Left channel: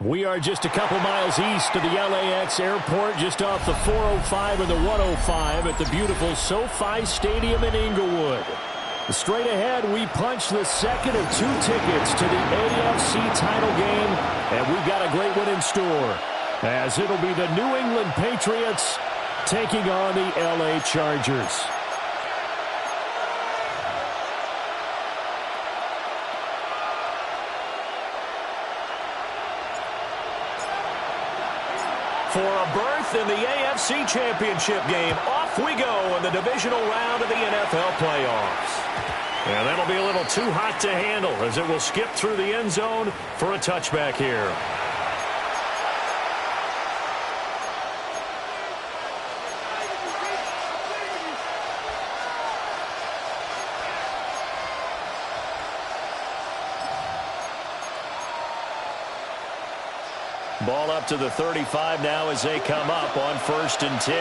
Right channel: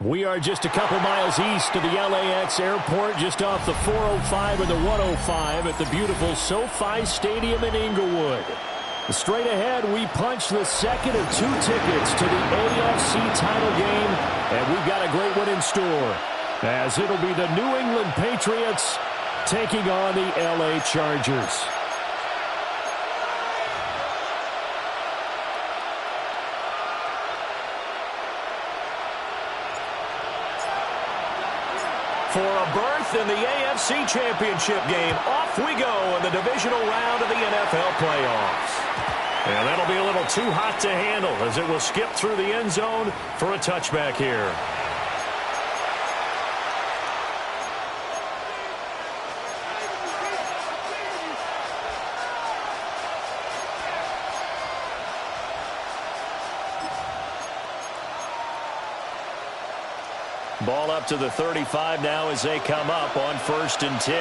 We are just a couple miles east of the LAX airport, just off the 405 and the 105 at the beautiful SoFi Stadium in Inglewood. Straight ahead, we punch the second of two tickets to the AFC title game, and we've got a great one in store, as it'll be the New England Patriots taking on the LA Chargers. For a berth in the AFC Championship game, off we go in the divisional round of the NFL playoffs. And that'll be a little too hot to handle as it will skip through the end zone for a touchback here. Ball up to the 35 now as they come up on 1st and 10.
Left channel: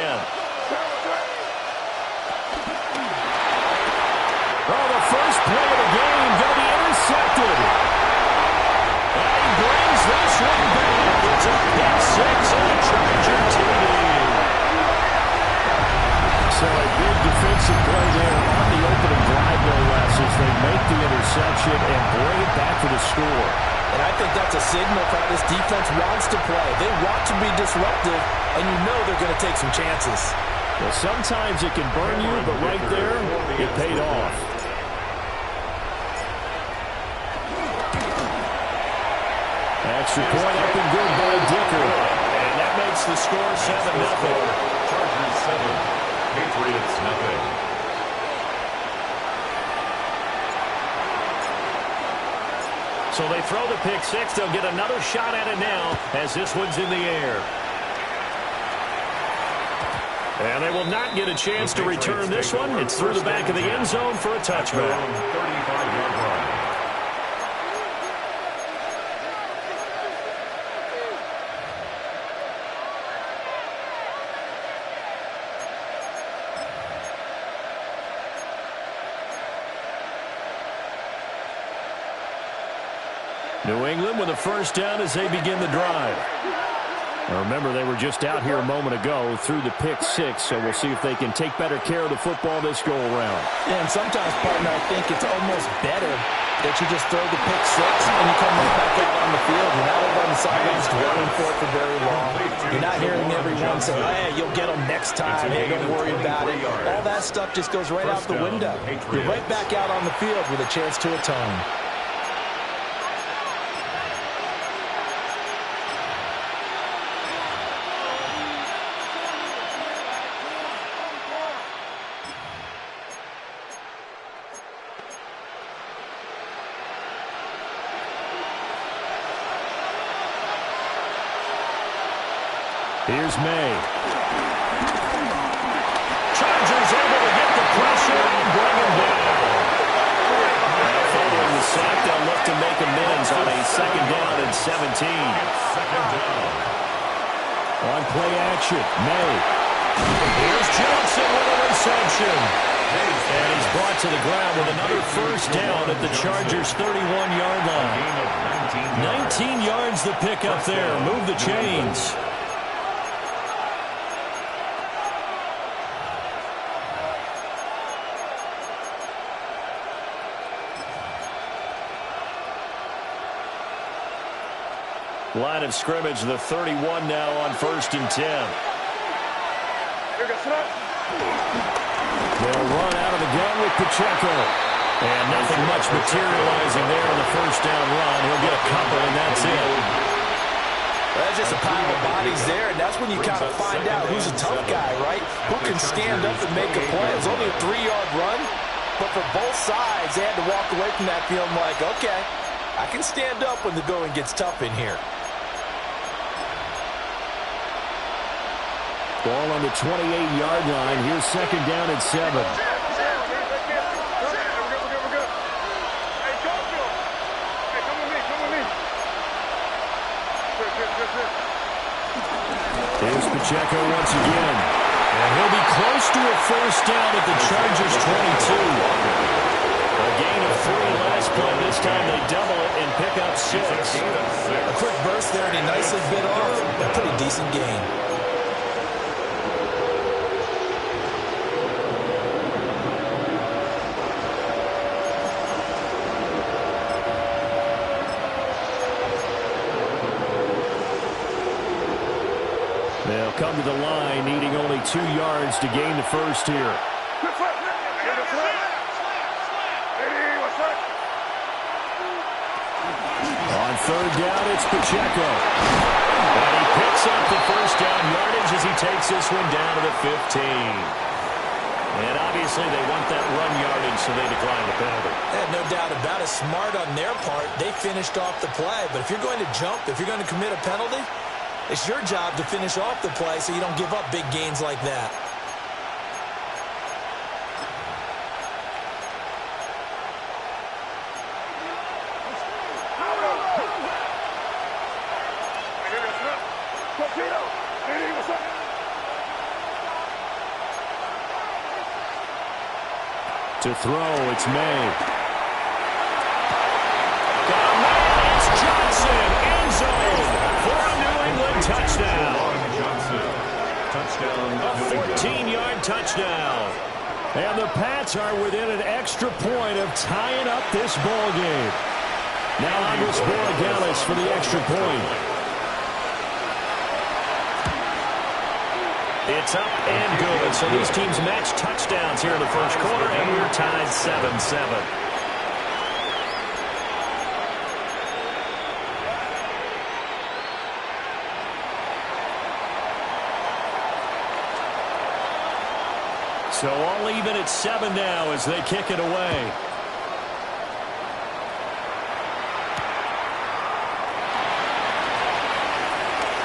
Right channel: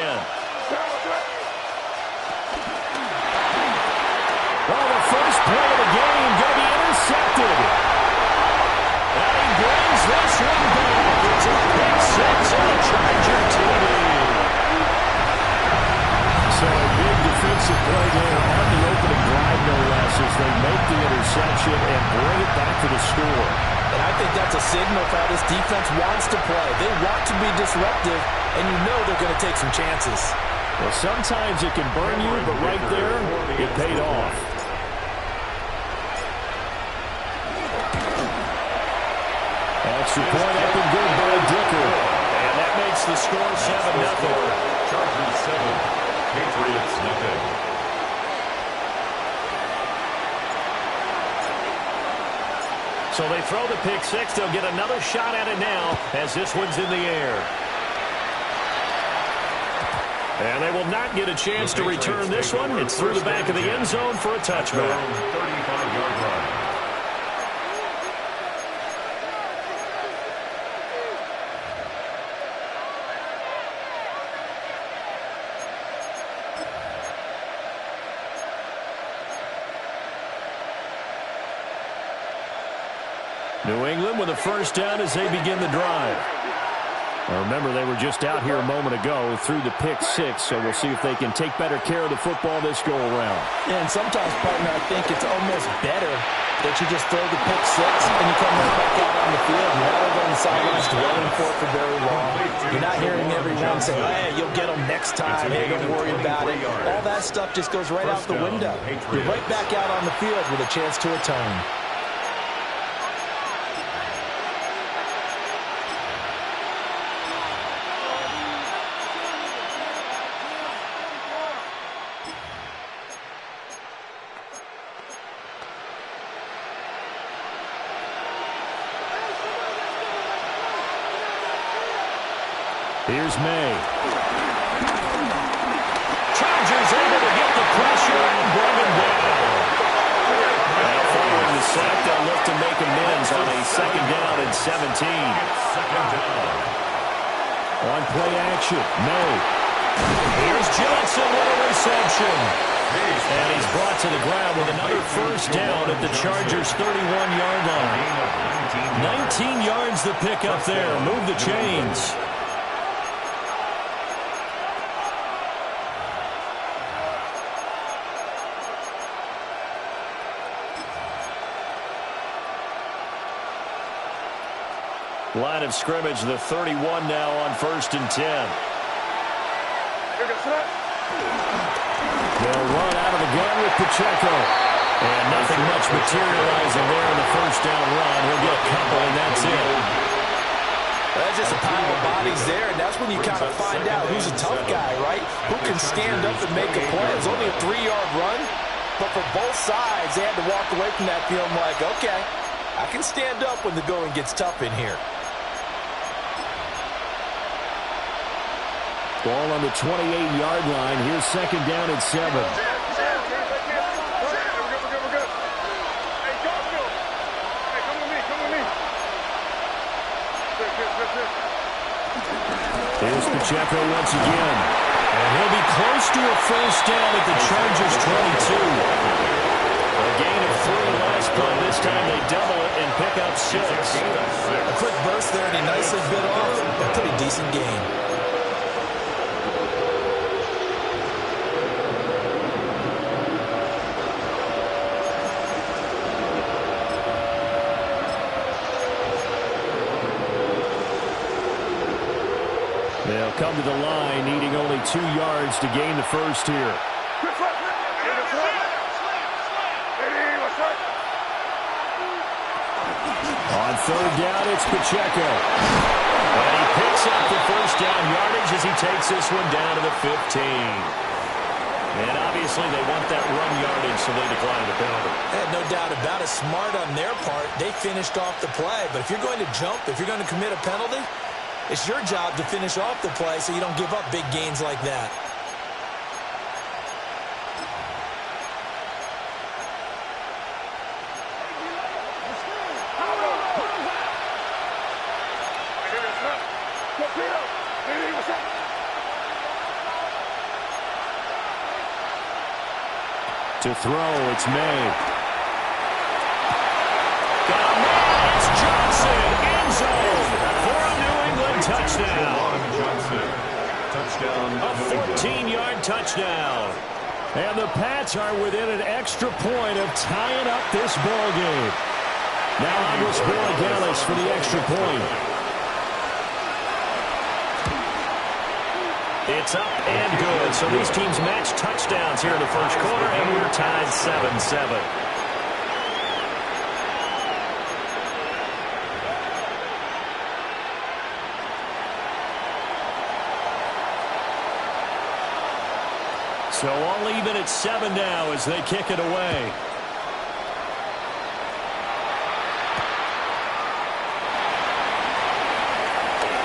Oh, the first play of the game going to be intercepted. And he brings this one back. It's a pick six and a Charger TD. So a big defensive play there on the opening drive, no less, as they make the interception and bring it back for the score. And I think that's a signal for how this defense wants to play. They want to be disruptive, and you know they're going to take some chances. Well, sometimes it can burn you, but right there, it paid off. Extra point up and good by Dicker. And that makes the score 7-0. Chargers 7, Patriots nothing. So they throw the pick six. They'll get another shot at it now as this one's in the air. And they will not get a chance to return this one. It's through the back of the end zone for a touchback. 35-yard line. New England with a first down as they begin the drive. Now remember, they were just out here a moment ago through the pick six, so we'll see if they can take better care of the football this go-around. Yeah, and sometimes, partner, I think it's almost better that you just throw the pick six and you come right back out on the field. You're not over on the sidelines dwelling for it for very long. You're not hearing everyone say, hey, you'll get them next time. Hey, don't worry about it. All that stuff just goes right out the window. You're right back out on the field with a chance to atone. Here's May. Chargers able to get the pressure and bring him down. Now following the sack, they'll look to make amends on a 2nd down and 17. 2nd down. On play action, May. Here's Johnson with a reception. And he's brought to the ground with another first down at the Chargers' 31-yard line. 19 yards the pick up there. Move the chains. Line of scrimmage, the 31 now on 1st and 10. They'll run out of the gun with Pacheco. And nothing much materializing there in the first down run. He'll get a couple, and that's it. Well, that's just a pile of bodies there, and that's when you kind of find out who's a tough guy, right? Who can stand up and make a play. It was only a 3-yard run, but for both sides, they had to walk away from that feeling like, okay, I can stand up when the going gets tough in here. Ball on the 28-yard line. Here's 2nd down and 7. Here's Pacheco once again. And he'll be close to a first down at the Chargers' 22. A gain of 3 last play. This time they double it and pick up 6. A quick burst there, and he nicely bit off a pretty decent gain. They'll come to the line, needing only 2 yards to gain the first here. On 3rd down, it's Pacheco. And he picks up the first down yardage as he takes this one down to the 15. And obviously they want that run yardage, so they decline the penalty. No doubt about it. Smart on their part. They finished off the play. But if you're going to jump, if you're going to commit a penalty, it's your job to finish off the play so you don't give up big gains like that. To throw, it's May. Got a man, it's Johnson, end zone for a New England touchdown. Johnson, touchdown. A 14-yard touchdown. And the Pats are within an extra point of tying up this ball game. Now Andres Borregales for the extra point. It's up and good. So these teams match touchdowns here in the first quarter, and we're tied 7-7. So all even at 7 now as they kick it away.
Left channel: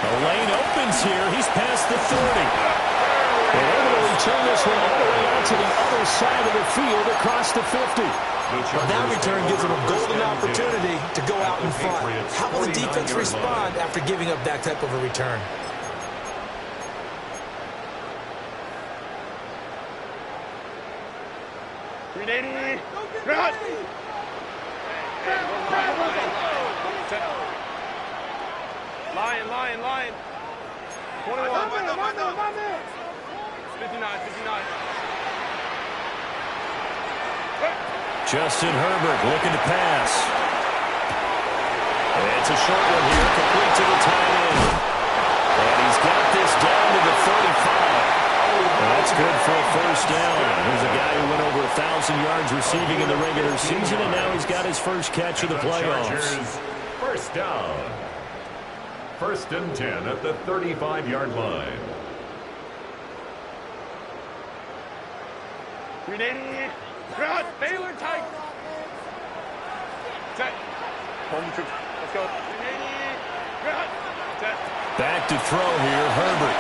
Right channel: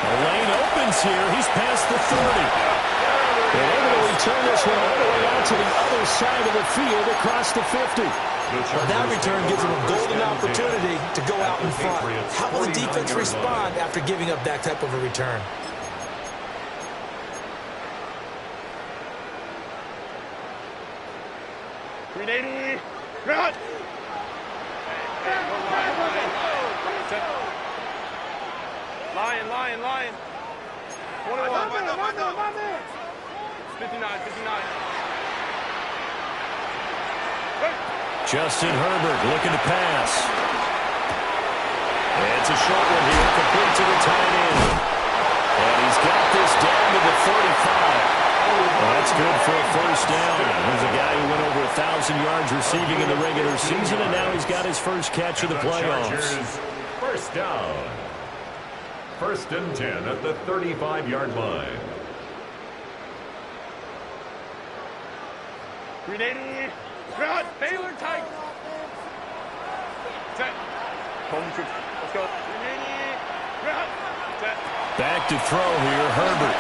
The lane opens here. He's past the 30. And able to return this one all the way out to the other side of the field across the 50. Well, that return gives them a golden opportunity to go out in front. How will the defense respond after giving up that type of a return? Lion. 21. 59. Justin Herbert looking to pass. It's a short one here, complete to the tight end. And he's got this down to the 35. That's good for a first down. There's a guy who went over 1,000 yards receiving in the regular season, and now he's got his first catch of the playoffs. First down. 1st and 10 at the 35-yard line. 380. Baylor tight. Set. Home troops. Let's go. 380. Set. Back to throw here, Herbert.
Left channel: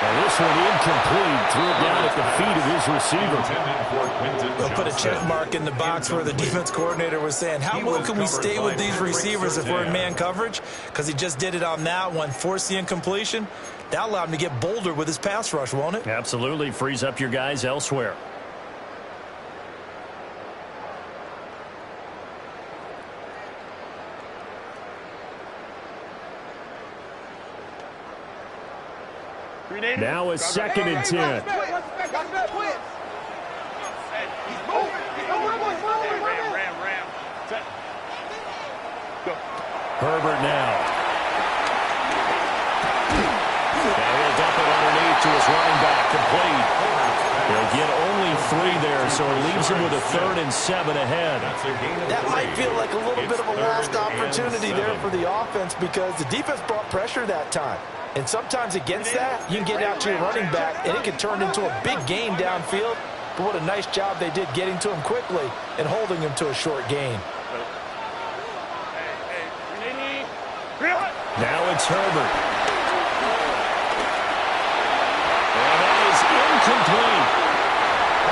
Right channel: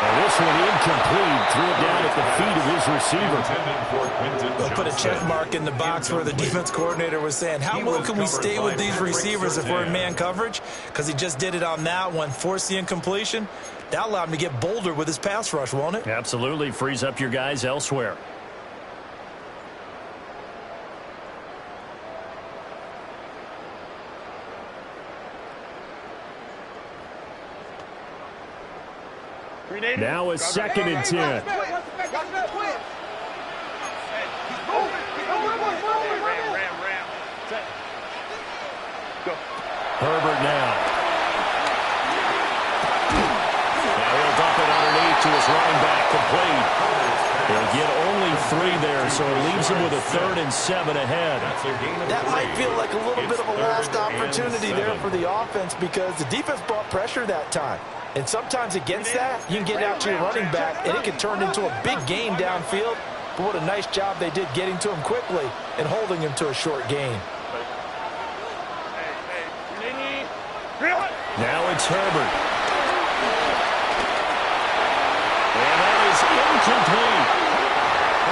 And this one incomplete. Threw it down at the feet of his receiver. We'll put a check mark in the box where the defense coordinator was saying, how well can we stay with these receivers if we're in man coverage? Because he just did it on that one, forced the incompletion. That allowed him to get bolder with his pass rush, won't it? Absolutely. Frees up your guys elsewhere. Now a 2nd and 10. Ram. Set. Go. Herbert now. Now he'll dump it underneath to his running back, complete. He'll get only 3 there, so it leaves him with a 3rd and 7 ahead. That might feel like a little bit of a lost opportunity there for the offense because the defense brought pressure that time. And sometimes against that, you can get out to your running back, and it can turn into a big gain downfield. But what a nice job they did getting to him quickly and holding him to a short gain. Now it's Herbert. And that is incomplete.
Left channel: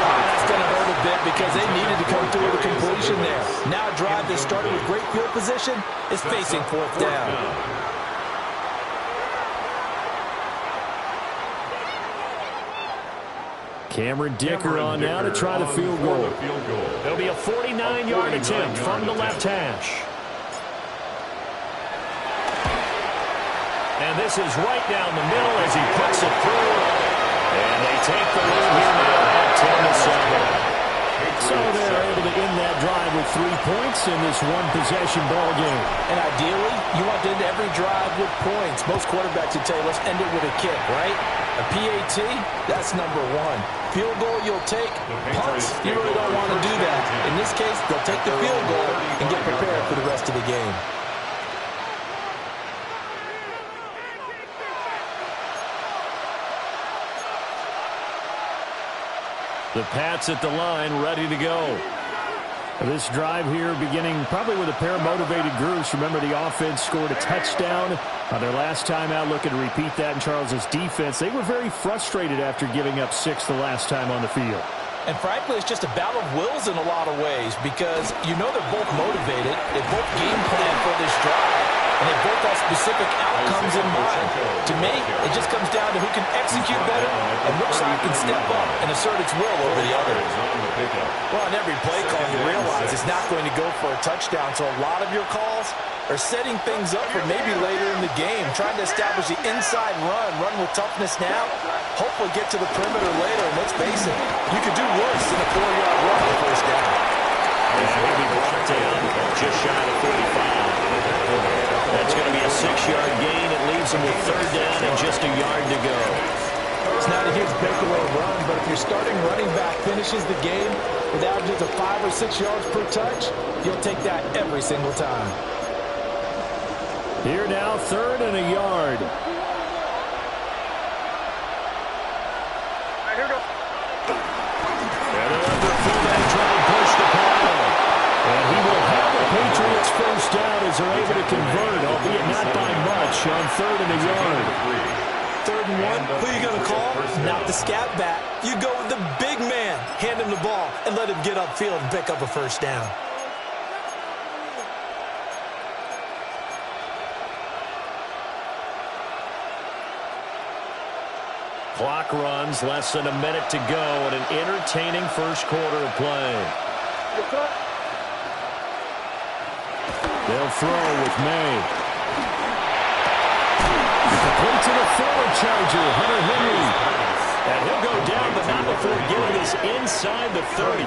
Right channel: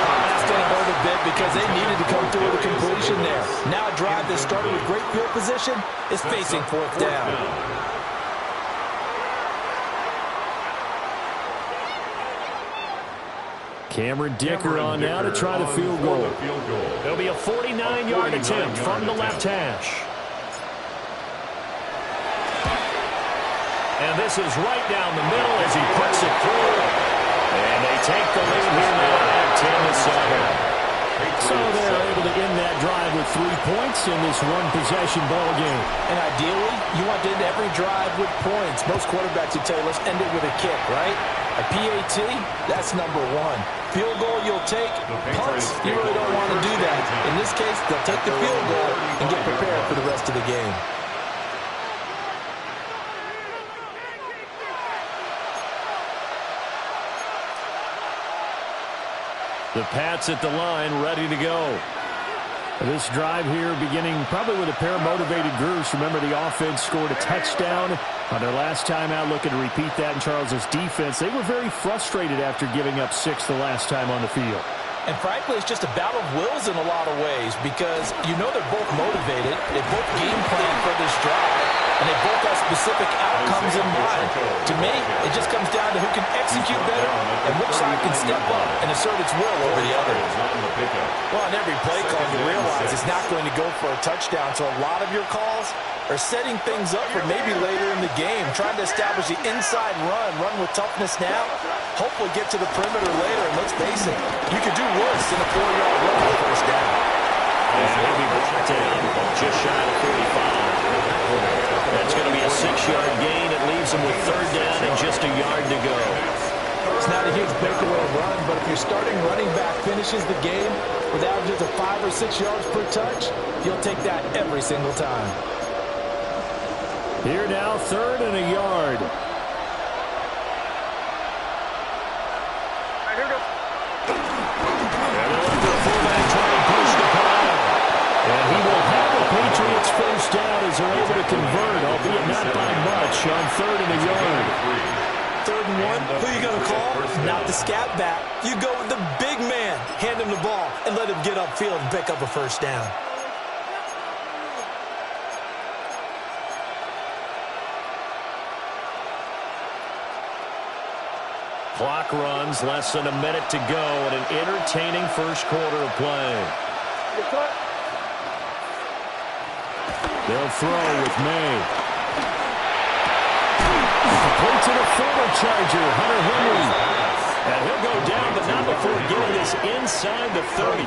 That's going to hurt a bit because they needed to come through with a completion there. Now a drive that started with great field position is facing 4th down. Cameron Dicker on now to try the field goal. It'll be a 49-yard attempt from the left hash. And this is right down the middle as he puts it through. And they take the lead here now at 10-7. So they're able to end that drive with 3 points in this one-possession ball game. And ideally, you want to end every drive with points. Most quarterbacks would tell you, let's end it with a kick, right? A PAT, that's number one. Field goal you'll take. Punts, you really don't want to do that. In this case, they'll take the field goal and get prepared for the rest of the game. The Pats at the line, ready to go. This drive here beginning probably with a pair of motivated groups. Remember, the offense scored a touchdown on their last time out, looking to repeat that in Charles's defense. They were very frustrated after giving up 6 the last time on the field. And frankly, it's just a battle of wills in a lot of ways because you know they're both motivated. They both game plan for this drive, and they both have specific outcomes in mind. To me, it just comes down to who can execute better and which side can step up and assert its will over the other. Well, in every play call, you realize it's not going to go for a touchdown, so a lot of your calls are setting things up for maybe later in the game, trying to establish the inside run with toughness now, hopefully get to the perimeter later, and let's face it, you could do worse than a 4-yard run on first down. And he'll be brought down just shy of 45. That's going to be a 6-yard gain. It leaves him with 3rd down and just a yard to go. It's not a huge breakaway run, but if your starting running back finishes the game with averages of 5 or 6 yards per touch, you'll take that every single time. Here now, 3rd and a yard. And they'll let their fullback try and push the pile. And he will have the Patriots first down as they're able to convert, albeit not by much, on 3rd and a yard. 3rd and 1, who are you going to call? Not the scat back. You go with the big man. Hand him the ball and let him get upfield and pick up a first down. Clock runs, less than a minute to go in an entertaining first quarter of play. They'll throw with May. Complete to the former Charger, Hunter Henry. And he'll go down, but not before getting this inside the 30.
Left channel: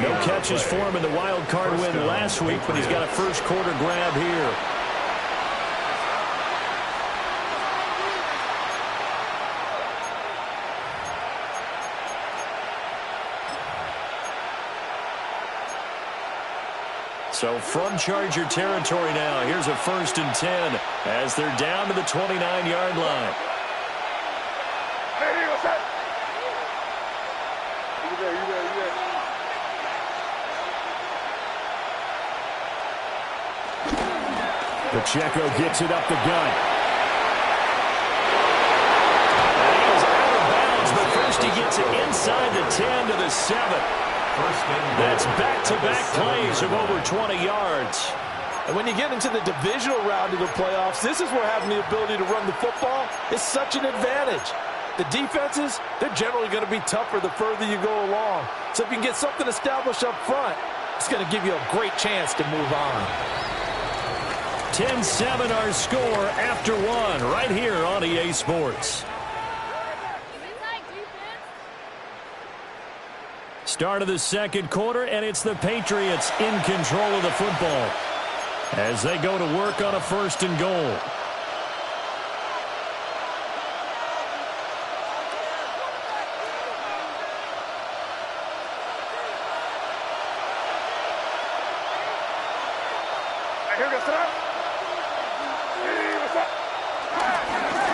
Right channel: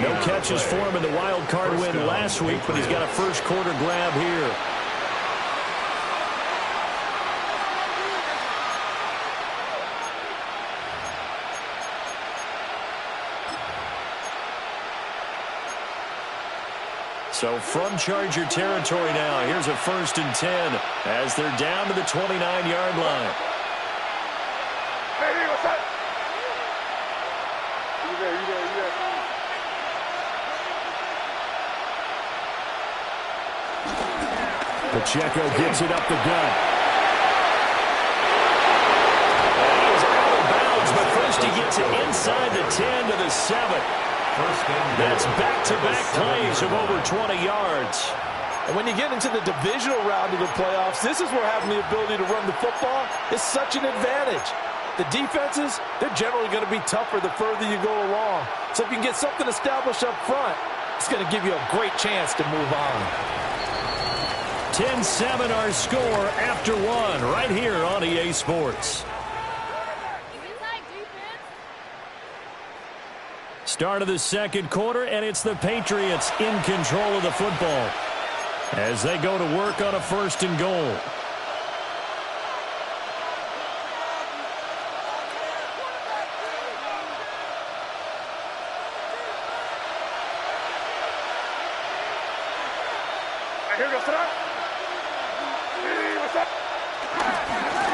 No catches for him in the wild card win last week, but he's got a first quarter grab here. So from Charger territory now, here's a 1st and 10 as they're down to the 29-yard line. Hey, what's that? You there. Pacheco gets it up the gut. And he is out of bounds, but first he gets it inside the 10 to the 7. That's back-to-back plays of over 20 yards. And when you get into the divisional round of the playoffs, this is where having the ability to run the football is such an advantage. The defenses, they're generally going to be tougher the further you go along. So if you can get something established up front, it's going to give you a great chance to move on. 10-7 our score after 1 right here on EA Sports. Start of the second quarter, and it's the Patriots in control of the football as they go to work on a 1st and goal.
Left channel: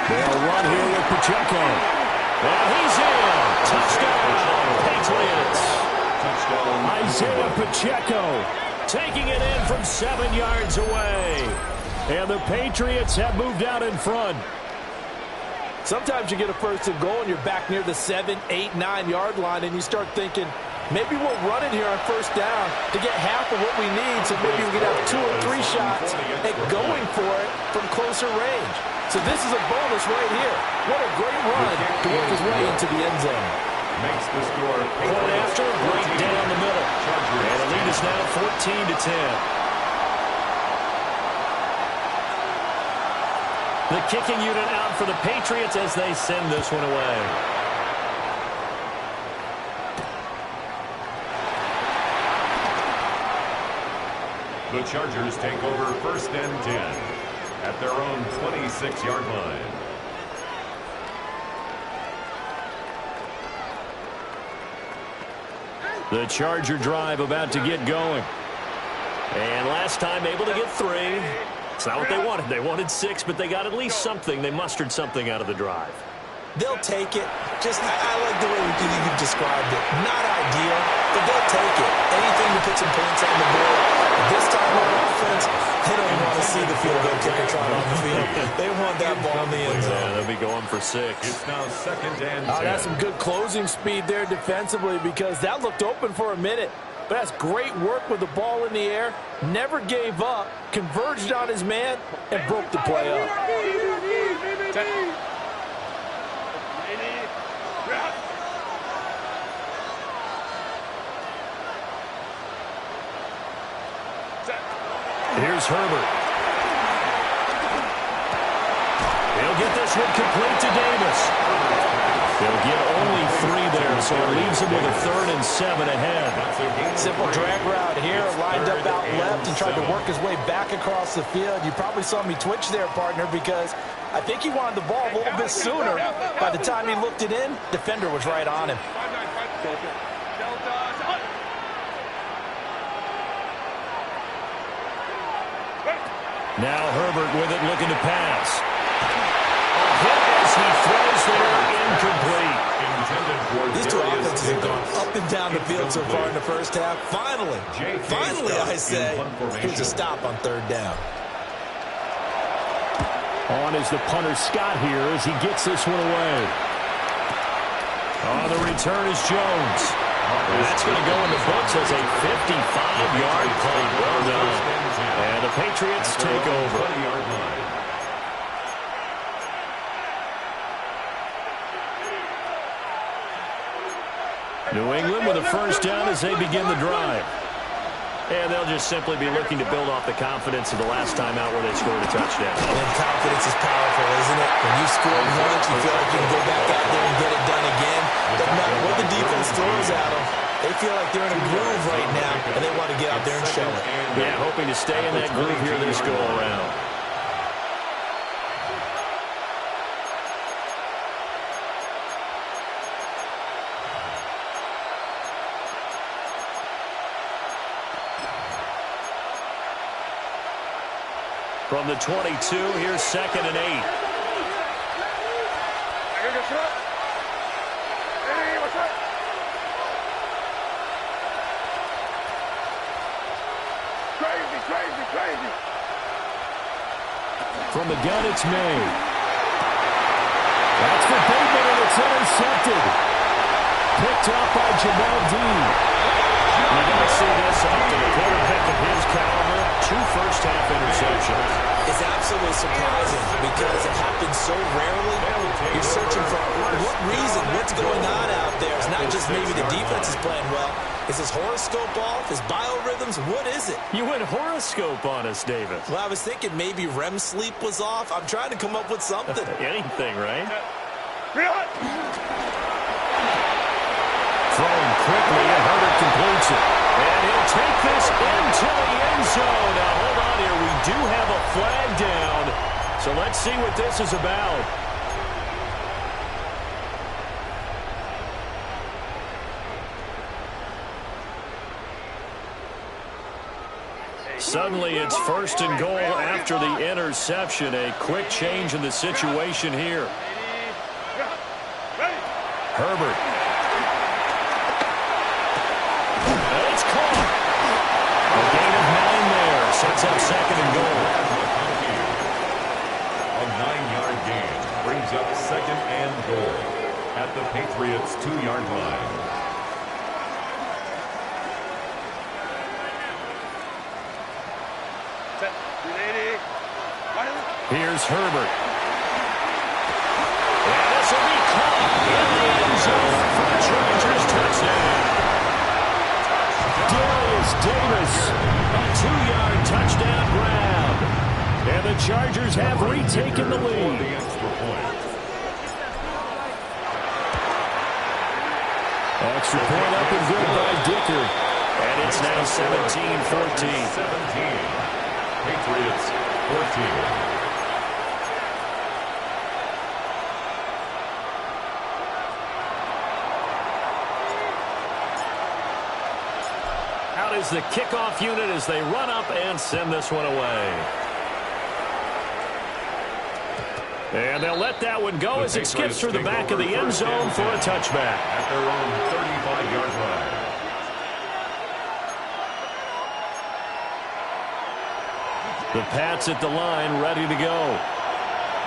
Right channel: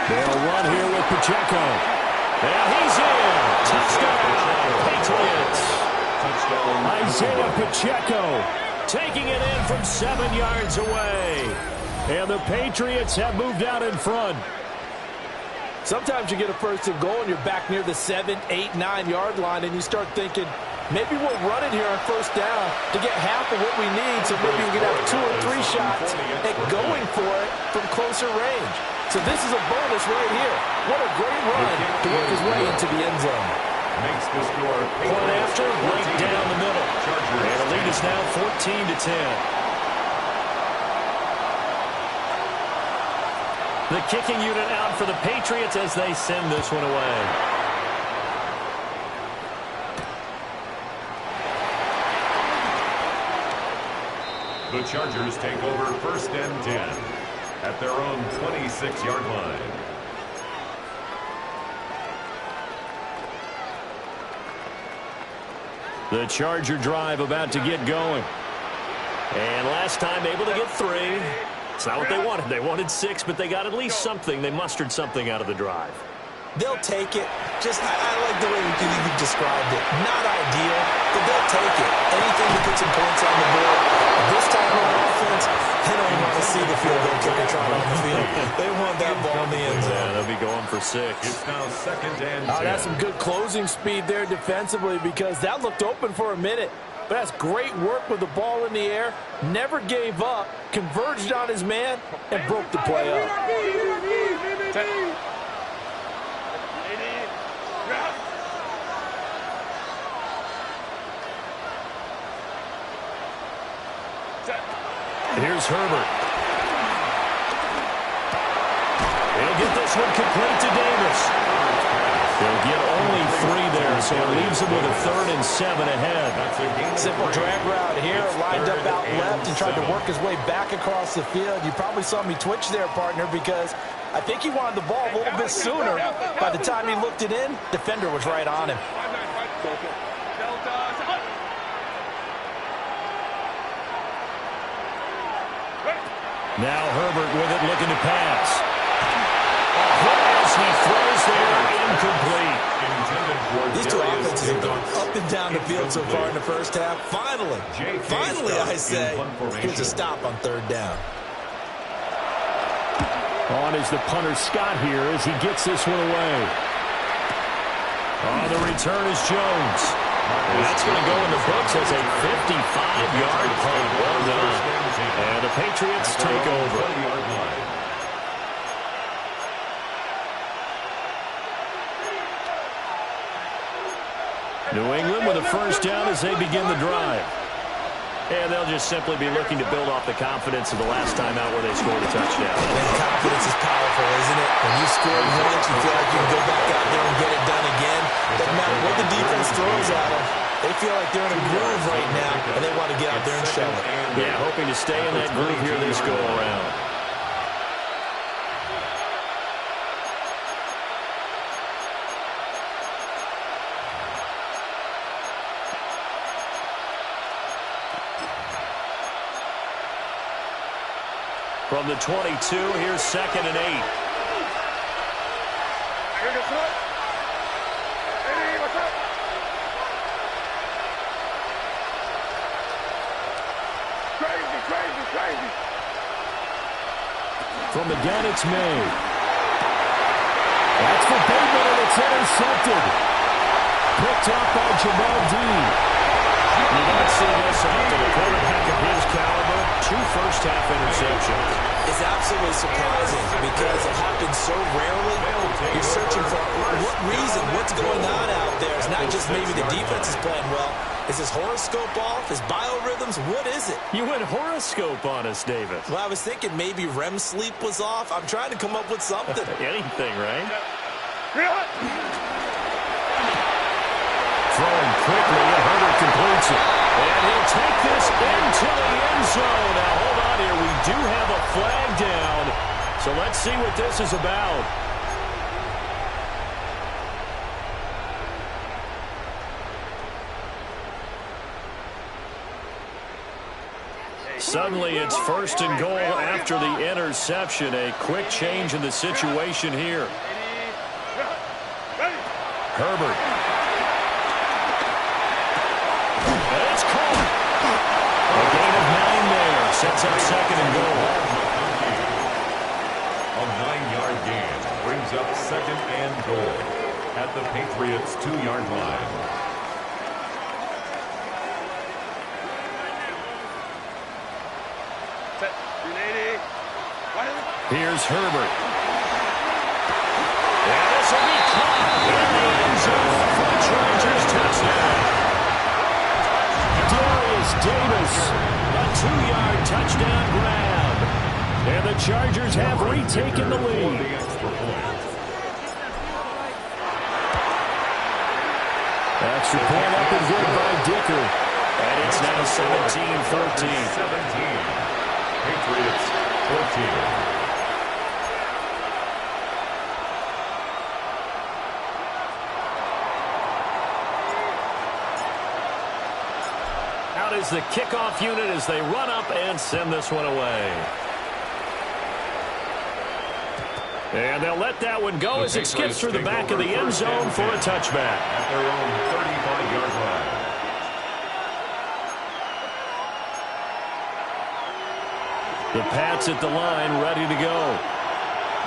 They'll run here with Pacheco. And he's in. Touchdown, Patriots. Isaiah Pacheco taking it in from 7 yards away. And the Patriots have moved out in front. Sometimes you get a 1st and goal and you're back near the 7, 8, 9-yard line and you start thinking, maybe we'll run it here on 1st down to get half of what we need, so maybe we can have 2 or 3 shots at going for it from closer range. So this is a bonus right here. What a great run to work his way into the end zone. makes the score. Point after, right down the middle. Chargers And the lead is now 14-10. The kicking unit out for the Patriots as they send this one away. The Chargers take over 1st and 10 at their own 26-yard line. The Charger drive about to get going. And last time able to get 3. It's not what they wanted. They wanted 6, but they got at least something. They mustered something out of the drive. They'll take it. I like the way you've described it. Not ideal, but they'll take it. Anything to put some points on the board. This time on offense, they don't even want to see the field goal kicker trot on the field. They want that ball in the end zone. Yeah, they'll be going for 6. It's now 2nd and 10. That's some good closing speed there defensively because that looked open for a minute. But that's great work with the ball in the air. Never gave up, converged on his man, and broke the play up. Here's Herbert. He'll get this one complete to Davis. He'll get only 3 there, so it leaves him with a 3rd and 7 ahead. Simple drag route here, lined up out left and tried to work his way back across the field. You probably saw me twitch there, partner, because I think he wanted the ball a little bit sooner. By the time he looked it in, defender was right on him. Now Herbert with it, looking to pass. A hit as he throws there, incomplete. These two offenses have gone up and down the field so far in the first half. Finally, I say, here's a stop on 3rd down. On is the punter Scott here as he gets this one away. On the return is Jones. And that's going to go in the books as a 55-yard punt. Well done. And the Patriots take over. 20-yard line. New England with a 1st down as they begin the drive. And they'll just simply be looking to build off the confidence of the last time out where they scored a touchdown. And confidence is powerful, isn't it? When you scored once, you feel like you can go back out there and get it done again. Doesn't matter what the defense throws at them. They feel like they're in a groove right now, and they want to get out there and show it. Yeah, hoping to stay in that groove here this go-around. From the 22, here's 2nd and 8. Crazy. From the gun, it's May. That's for Bateman, and it's intercepted. Picked off by Jamel Dean. You don't see this often. A quarterback of his caliber, 2 first-half interceptions. It's absolutely surprising because it happens so rarely. You're searching for what reason, what's going on out there. It's not just maybe the defense is playing well. Is his horoscope off? His biorhythms? What is it? You went horoscope on us, Davis. Well, I was thinking maybe REM sleep was off. I'm trying to come up with something. Anything, right? Throwing quickly, and Herbert completes it. And he'll take this into the end zone. Now, hold on here. We do have a flag down. So let's see what this is about. Suddenly, it's 1st and goal after the interception. A quick change in the situation here. Herbert. And it's caught. A gain of 9 there. Sets up 2nd and goal. A 9-yard gain brings up 2nd and goal at the Patriots' 2-yard line. Here's Herbert. And this will be caught in the end zone for a Chargers touchdown. Darius Davis, a 2-yard touchdown grab. And the Chargers have retaken the lead. Extra point up and good by Dicker. And it's now 17-14. 17. Patriots 14. Out is the kickoff unit as they run up and send this one away. And they'll let that one go as it skips through the back of the end zone for a touchback. At their own 35-yard line. The Pats at the line, ready to go.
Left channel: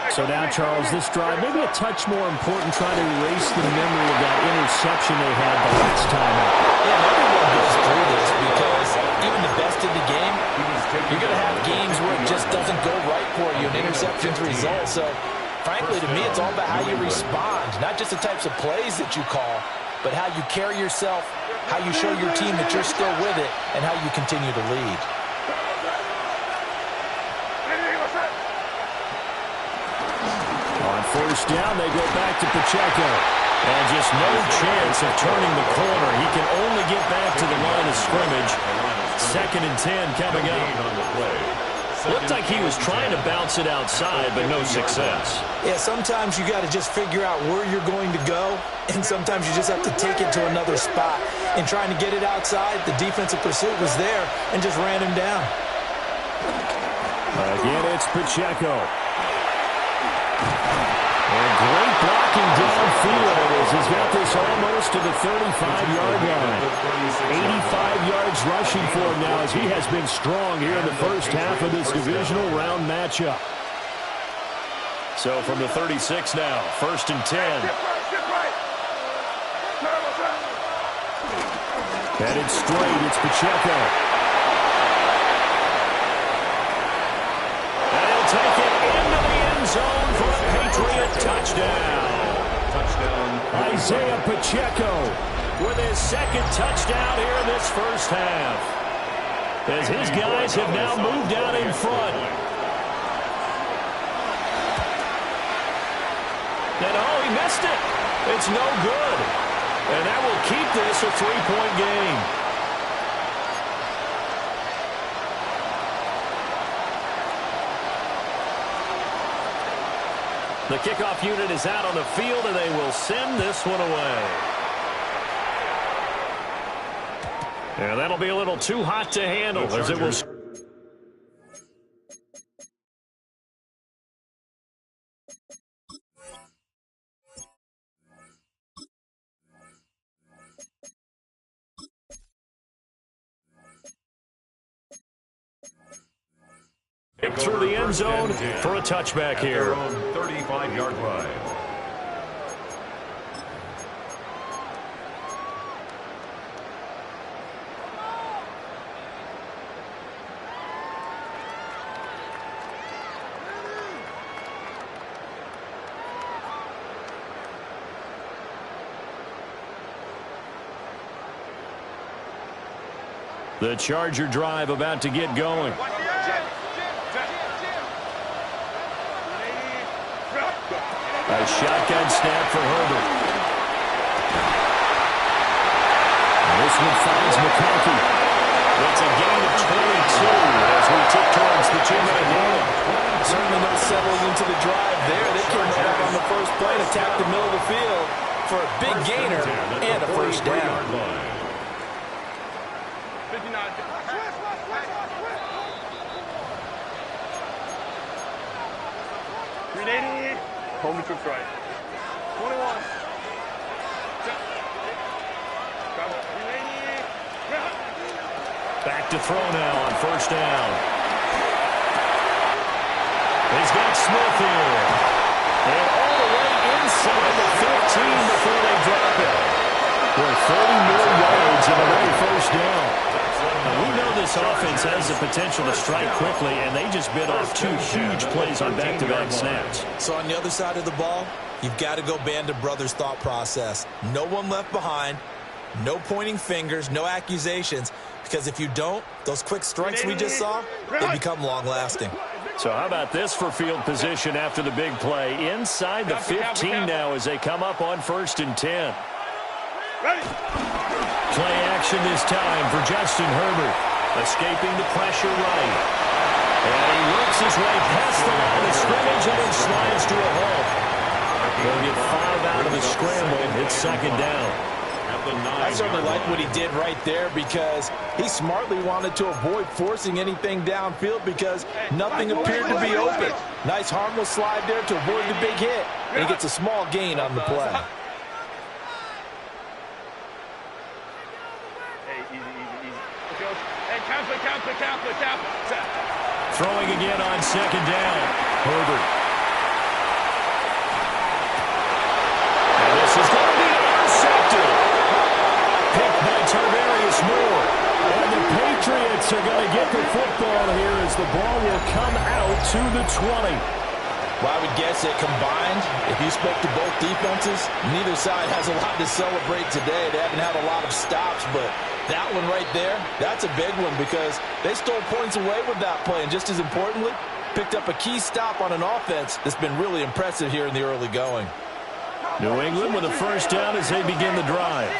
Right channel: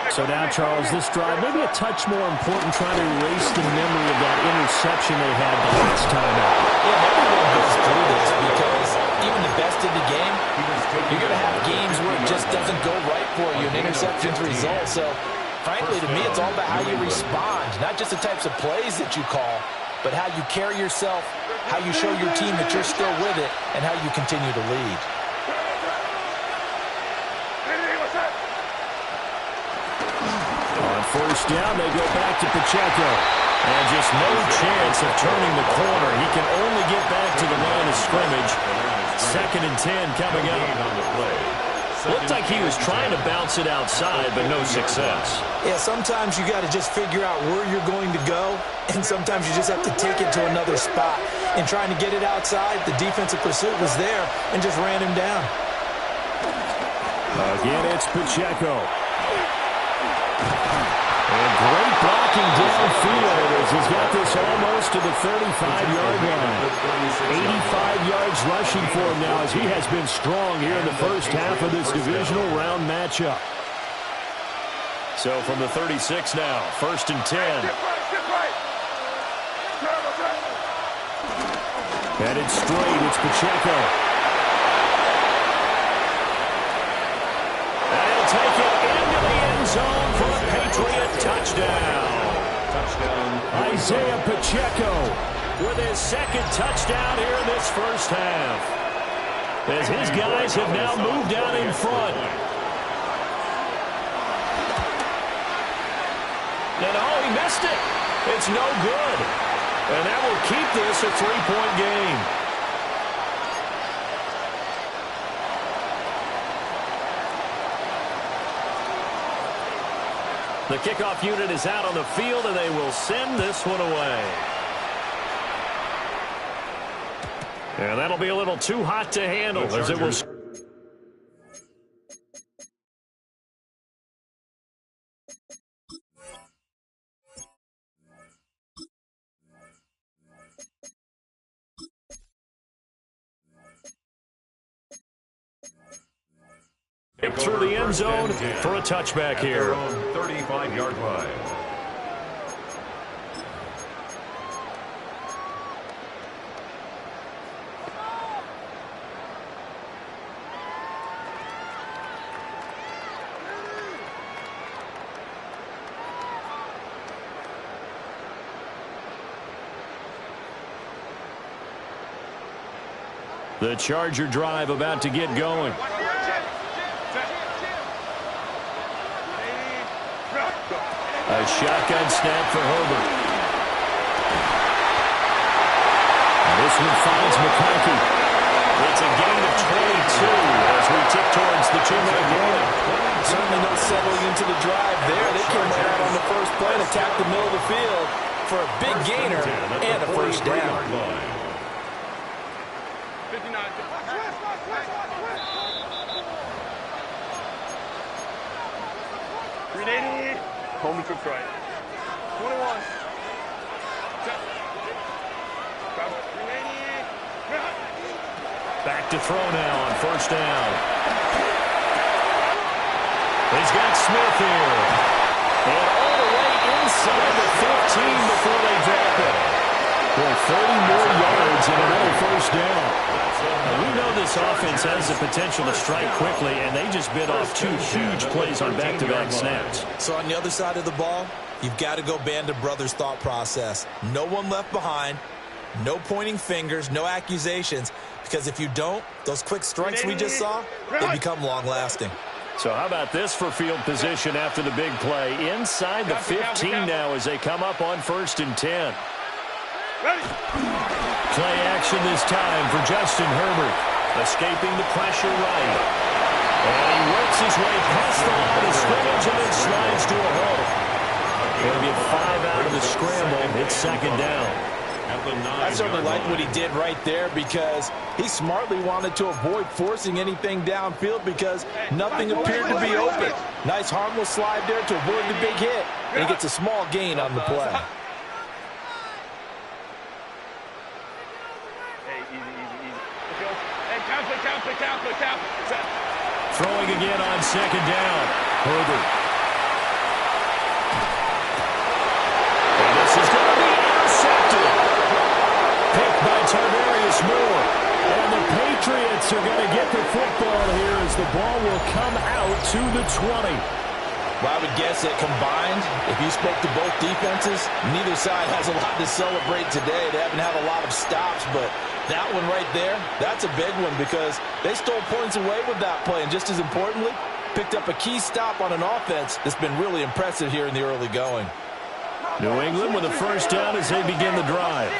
So now, Charles, this drive, maybe a touch more important, trying to erase the memory of that interception they had the last time out. Yeah, and everyone goes through this because even the best in the game, you're going to have games where it just doesn't go right for you, and interceptions result. So, frankly, to me, it's all about how you respond, not just the types of plays that you call, but how you carry yourself, how you show your team that you're still with it, and how you continue to lead. On first down, they go back to Pacheco. And just no chance of turning the corner. He can only get back to the line of scrimmage. 2nd and 10 coming up. Looked like he was trying to bounce it outside, but no success. Yeah, sometimes you got to just figure out where you're going to go, and sometimes you just have to take it to another spot. In trying to get it outside, the defensive pursuit was there and just ran him down. Again, it's Pacheco. And great blocking downfield as he's got this almost to the 35-yard line. 85 yards rushing for him now as he has been strong here in the first half of this divisional round matchup. So from the 36 now, 1st and 10. Headed straight, it's Pacheco. And he'll take it into the end zone for a Patriot touchdown. Isaiah Pacheco with his 2nd touchdown here in this first half. As his guys have now moved out in front. And oh, he missed it. It's no good. And that will keep this a 3-point game. The kickoff unit is out on the field, and they will send this one away. And that'll be a little too hot to handle as it will. Through the end zone for a touchback here. 35-yard line. The Charger drive about to get going. A shotgun snap for Herbert. And this one finds McConkey. It's a gain of 22 as we tick towards the 2-minute warning. Certainly no settling into the drive there. They came right out on the first play and attacked the middle of the field for a big gainer and a first down. 59. Grenade. Home to trick right. 21. Back to throw now on first down. He's got Smith here. And all the way inside the 15 before they drop it. Boy, 30 more yards and another first down. Now, we know this offense has the potential to strike quickly, and they just bit off 2 huge plays on back-to-back snaps. So on the other side of the ball, you've got to go Band of Brothers thought process. No one left behind, no pointing fingers, no accusations, because if you don't, those quick strikes we just saw, they become long-lasting. So how about this for field position after the big play? Inside the 15 now as they come up on 1st and 10. Play action this time for Justin Herbert. Escaping the pressure right. And he works his way past the line of scrimmage and then slides to a halt. He'll get 5 out of the scramble. It's 2nd down. I certainly like what he did right there because he smartly wanted to avoid forcing anything downfield because nothing appeared to be open. Nice harmless slide there to avoid the big hit, and he gets a small gain on the play. Hey, easy. Hey, count. Throwing again on 2nd down. Herbert. And this is going to be intercepted. Picked by Tarvarius Moore. And the Patriots are going to get the football here as the ball will come out to the 20. Well, I would guess that combined, if you spoke to both defenses, neither side has a lot to celebrate today. They haven't had a lot of stops, but that one right there, that's a big one because they stole points away with that play. And just as importantly, picked up a key stop on an offense that's been really impressive here in the early going. New England with a first down as they begin the drive.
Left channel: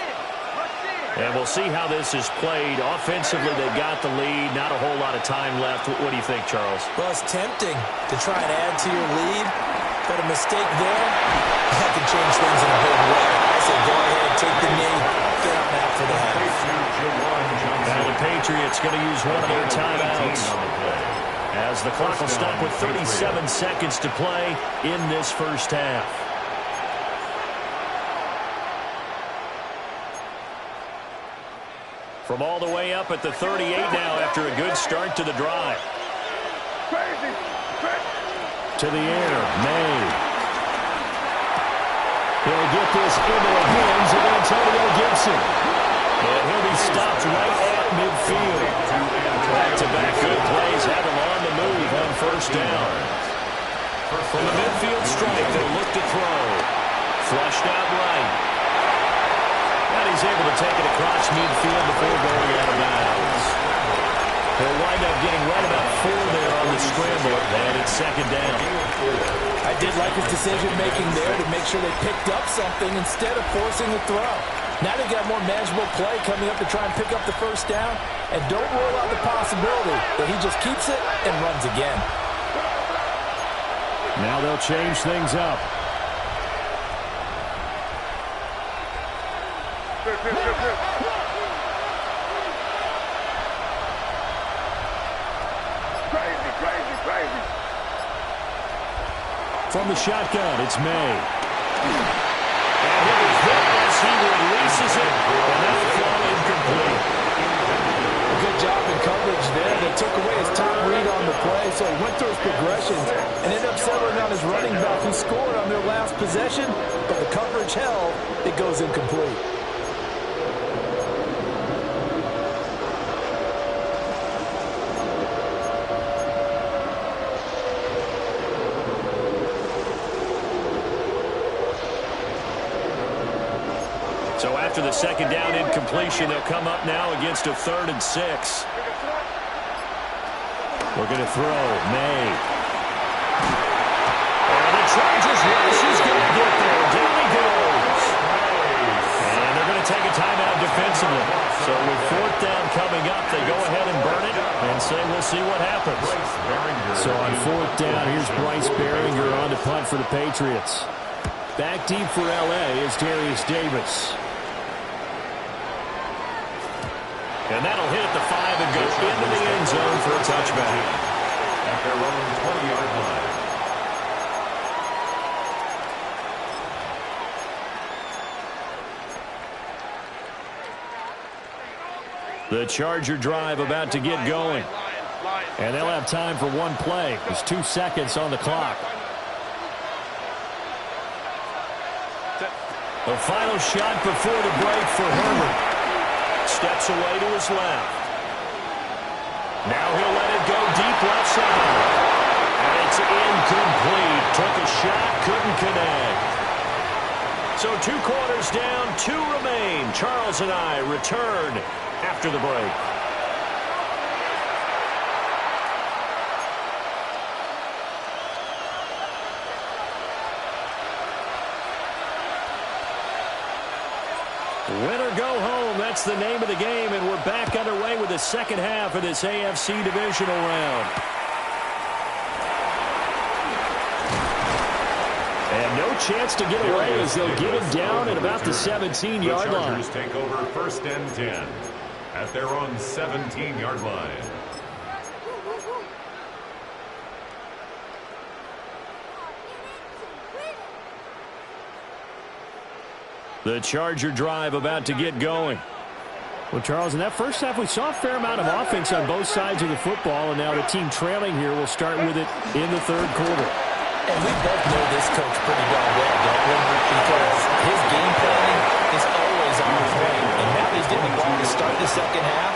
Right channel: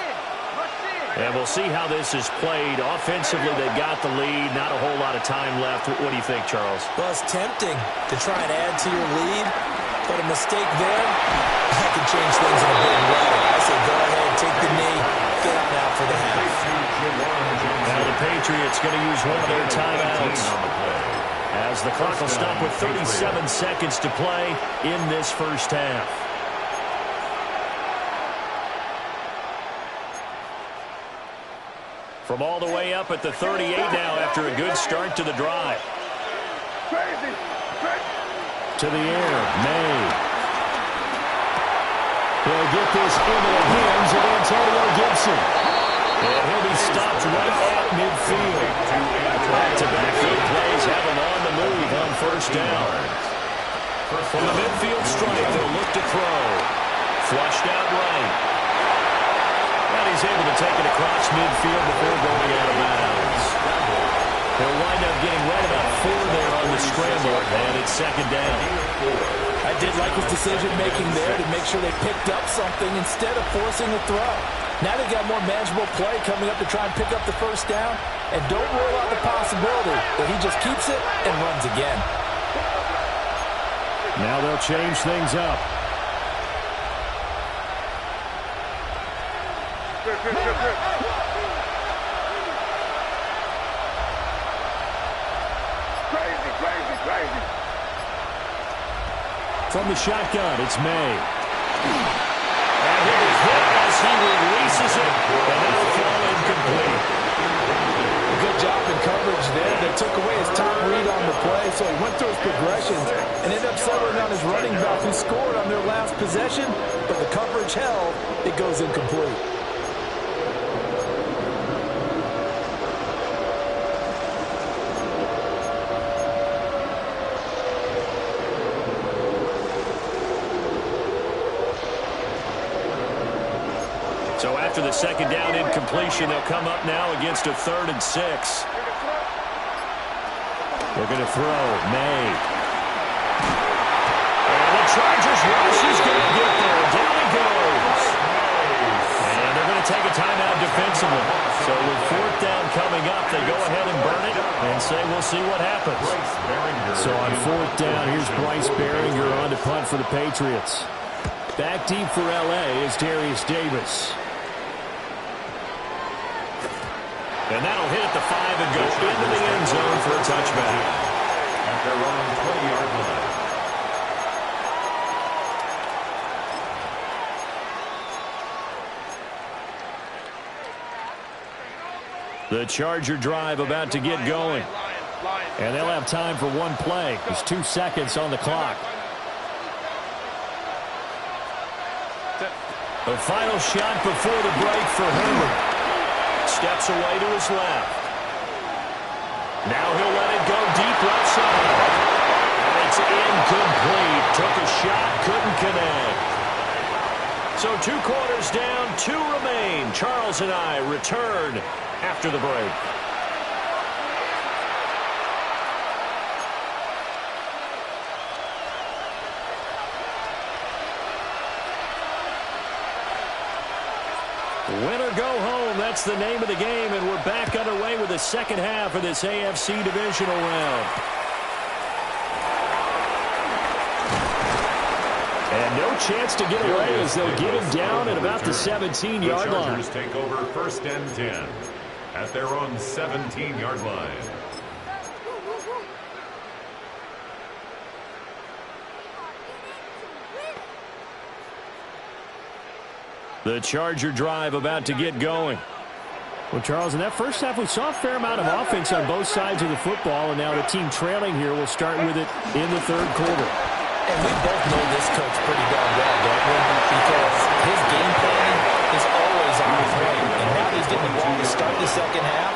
And we'll see how this is played. Offensively, they got the lead. Not a whole lot of time left. What do you think, Charles? Well, it's tempting to try and add to your lead, but a mistake there, that can change things in a big way. I say go ahead, take the knee, get on out for the half. Now the Patriots going to use one of their timeouts as the clock will stop with 37 seconds to play in this first half. From all the way up at the 38 now after a good start to the drive. Crazy. To the air, May. He'll get this into the hands of Antonio Gibson. And he'll be stopped right at midfield. Back-to-back good plays have him on the move on 1st down. From the midfield strike, they'll look to throw. Flushed out right. And he's able to take it across midfield before going out of bounds. He'll wind up getting right about 4 there on the scramble, and it's 2nd down. I did like his decision-making there to make sure they picked up something instead of forcing a throw. Now they've got more manageable play coming up to try and pick up the first down, and don't rule out the possibility that he just keeps it and runs again. Now they'll change things up. Crazy. From the shotgun, it's May. And he'll be hit as he releases it, and that'll fall incomplete. Good job in coverage there. They took away his top read on the play, so he went through his progressions and ended up settling on his running back who scored on their last possession, but the coverage held. It goes incomplete. So after the 2nd down incompletion, they'll come up now against a 3rd and 6. Looking to throw, May. And the Chargers rush is going to get there. Down he goes. And they're going to take a timeout defensively. So with 4th down coming up, they go ahead and burn it and say we'll see what happens. So on 4th down, here's Bryce Behringer on to punt for the Patriots. Back deep for L.A. is Darius Davis. And that'll hit at the 5 and go into the end zone for a touchback. At their own 20-yard line. The Charger drive about to get going. And they'll have time for one play. There's 2 seconds on the clock. The final shot before the break for Herbert. Steps away to his left. Now he'll let it go deep left side. And it's incomplete. Took a shot, couldn't connect. So 2 quarters down, 2 remain. Charles and I return after the break. Win or go home, that's the name of the game, and we're back underway with the second half of this AFC divisional round. And no chance to get away as they'll get him down at about the 17-yard line. The Chargers take over 1st and 10 at their own 17-yard line. The Charger drive about to get going. Well, Charles, in that first half, we saw a fair amount of offense on both sides of the football, and now the team trailing here will start with it in the 3rd quarter. And we both know this coach pretty darn well, don't we? Because his game planning is always on point. And now that he's getting the ball to start the second half,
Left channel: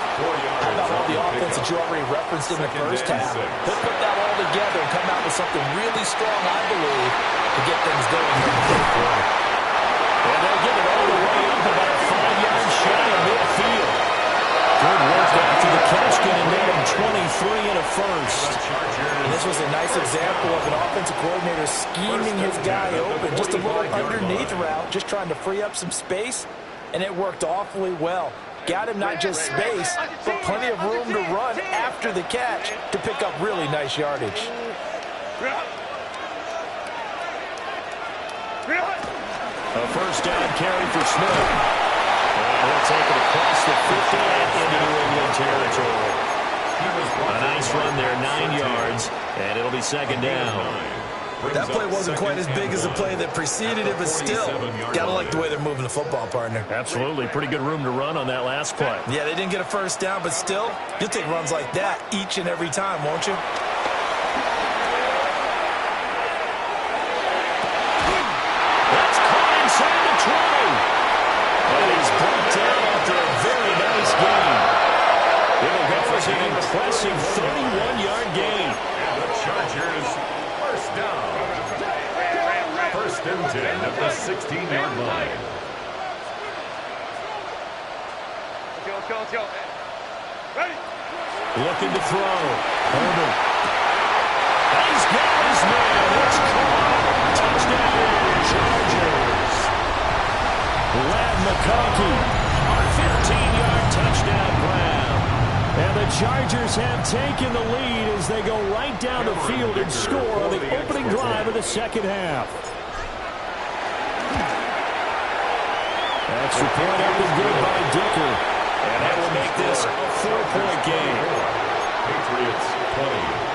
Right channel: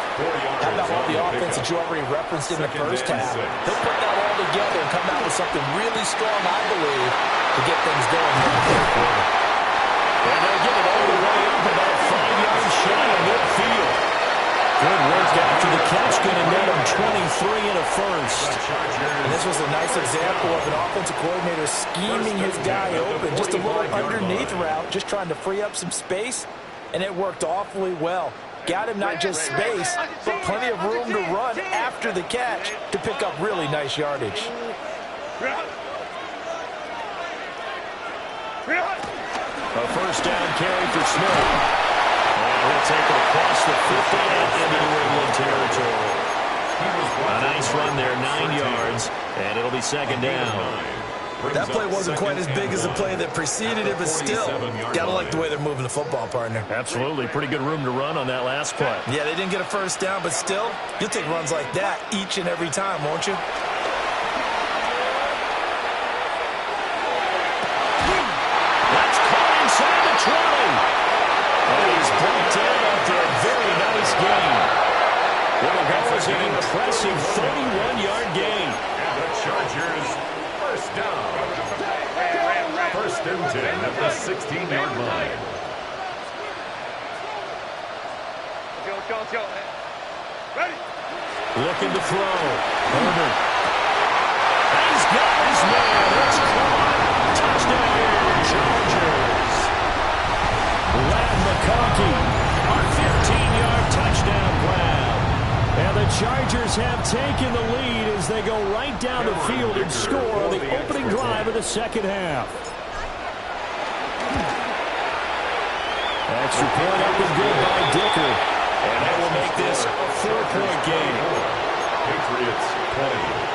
how about all the offense that you already referenced in the first half? He'll put that all together and come out with something really strong, I believe, to get things going in the 3rd quarter. And they'll get it all the way up about 5 yards shy of midfield. Good work after the catch, going to net him 23 and a first. And this was a nice example of an offensive coordinator scheming his guy open. Just a little underneath route, just trying to free up some space, and it worked awfully well. Got him not just space, but plenty of room to run after the catch to pick up really nice yardage. A first down carry for Smith. And he'll take it across the 50 and into New England territory. A nice run there, 9 yards, and it'll be 2nd down. That play wasn't quite as big as the play that preceded it, but still, gotta like the way they're moving the football, partner. Absolutely, pretty good room to run on that last play. Yeah, they didn't get a first down, but still, you'll take runs like that each and every time, won't you? That's caught inside the 20. And he's brought down after a very nice gain. It'll go as an impressive 31-yard gain. And the Chargers, first down. 1st and 10 at the 16-yard line. Ready? Looking to throw. Herbert. He's got his man. It's caught. Touchdown, Chargers. Ladd McConkey, our 15-yard touchdown grab. And the Chargers have taken the lead as they go right down the field and score on the opening drive of the second half. Extra point up and good by Dicker. And that will make this a 4-point game. Patriots 20.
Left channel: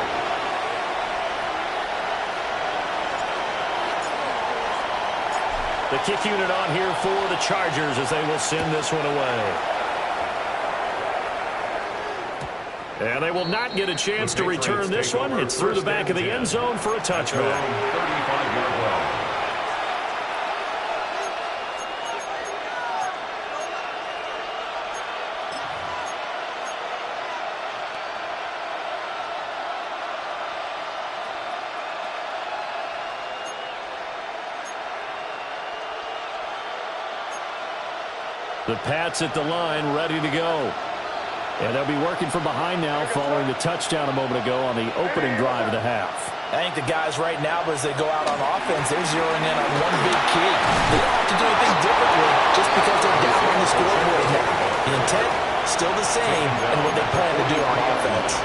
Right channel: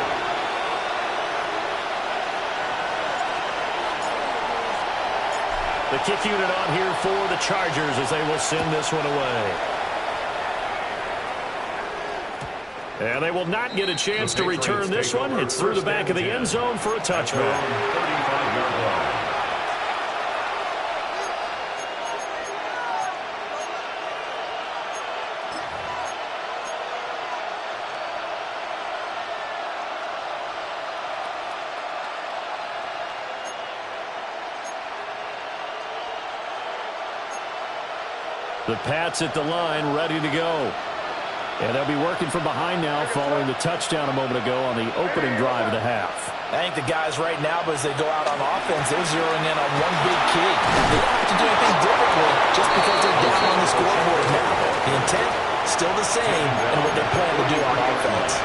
The kick unit on here for the Chargers as they will send this one away. And they will not get a chance to return this one. It's through the back of the end zone for a touchback. 35-yard line. The Pats at the line, ready to go. And they'll be working from behind now following the touchdown a moment ago on the opening drive of the half. I think the guys right now, as they go out on offense, they're zeroing in on one big key. They don't have to do anything differently just because they're down on the scoreboard now. The intent, still the same, and what they plan to do on offense.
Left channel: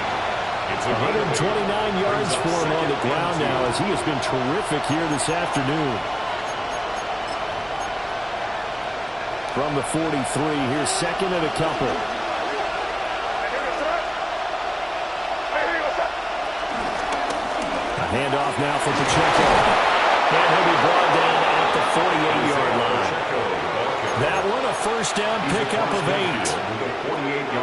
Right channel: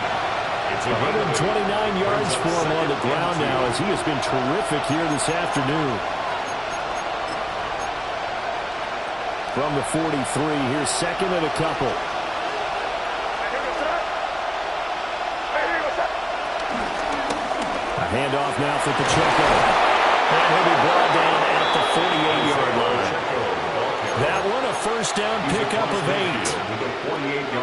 129 yards for him on the ground now as he has been terrific here this afternoon. From the 43, here's 2nd and a couple. A handoff now for Pacheco. And he'll be brought down at the 48-yard line. That one a first down pickup of 8.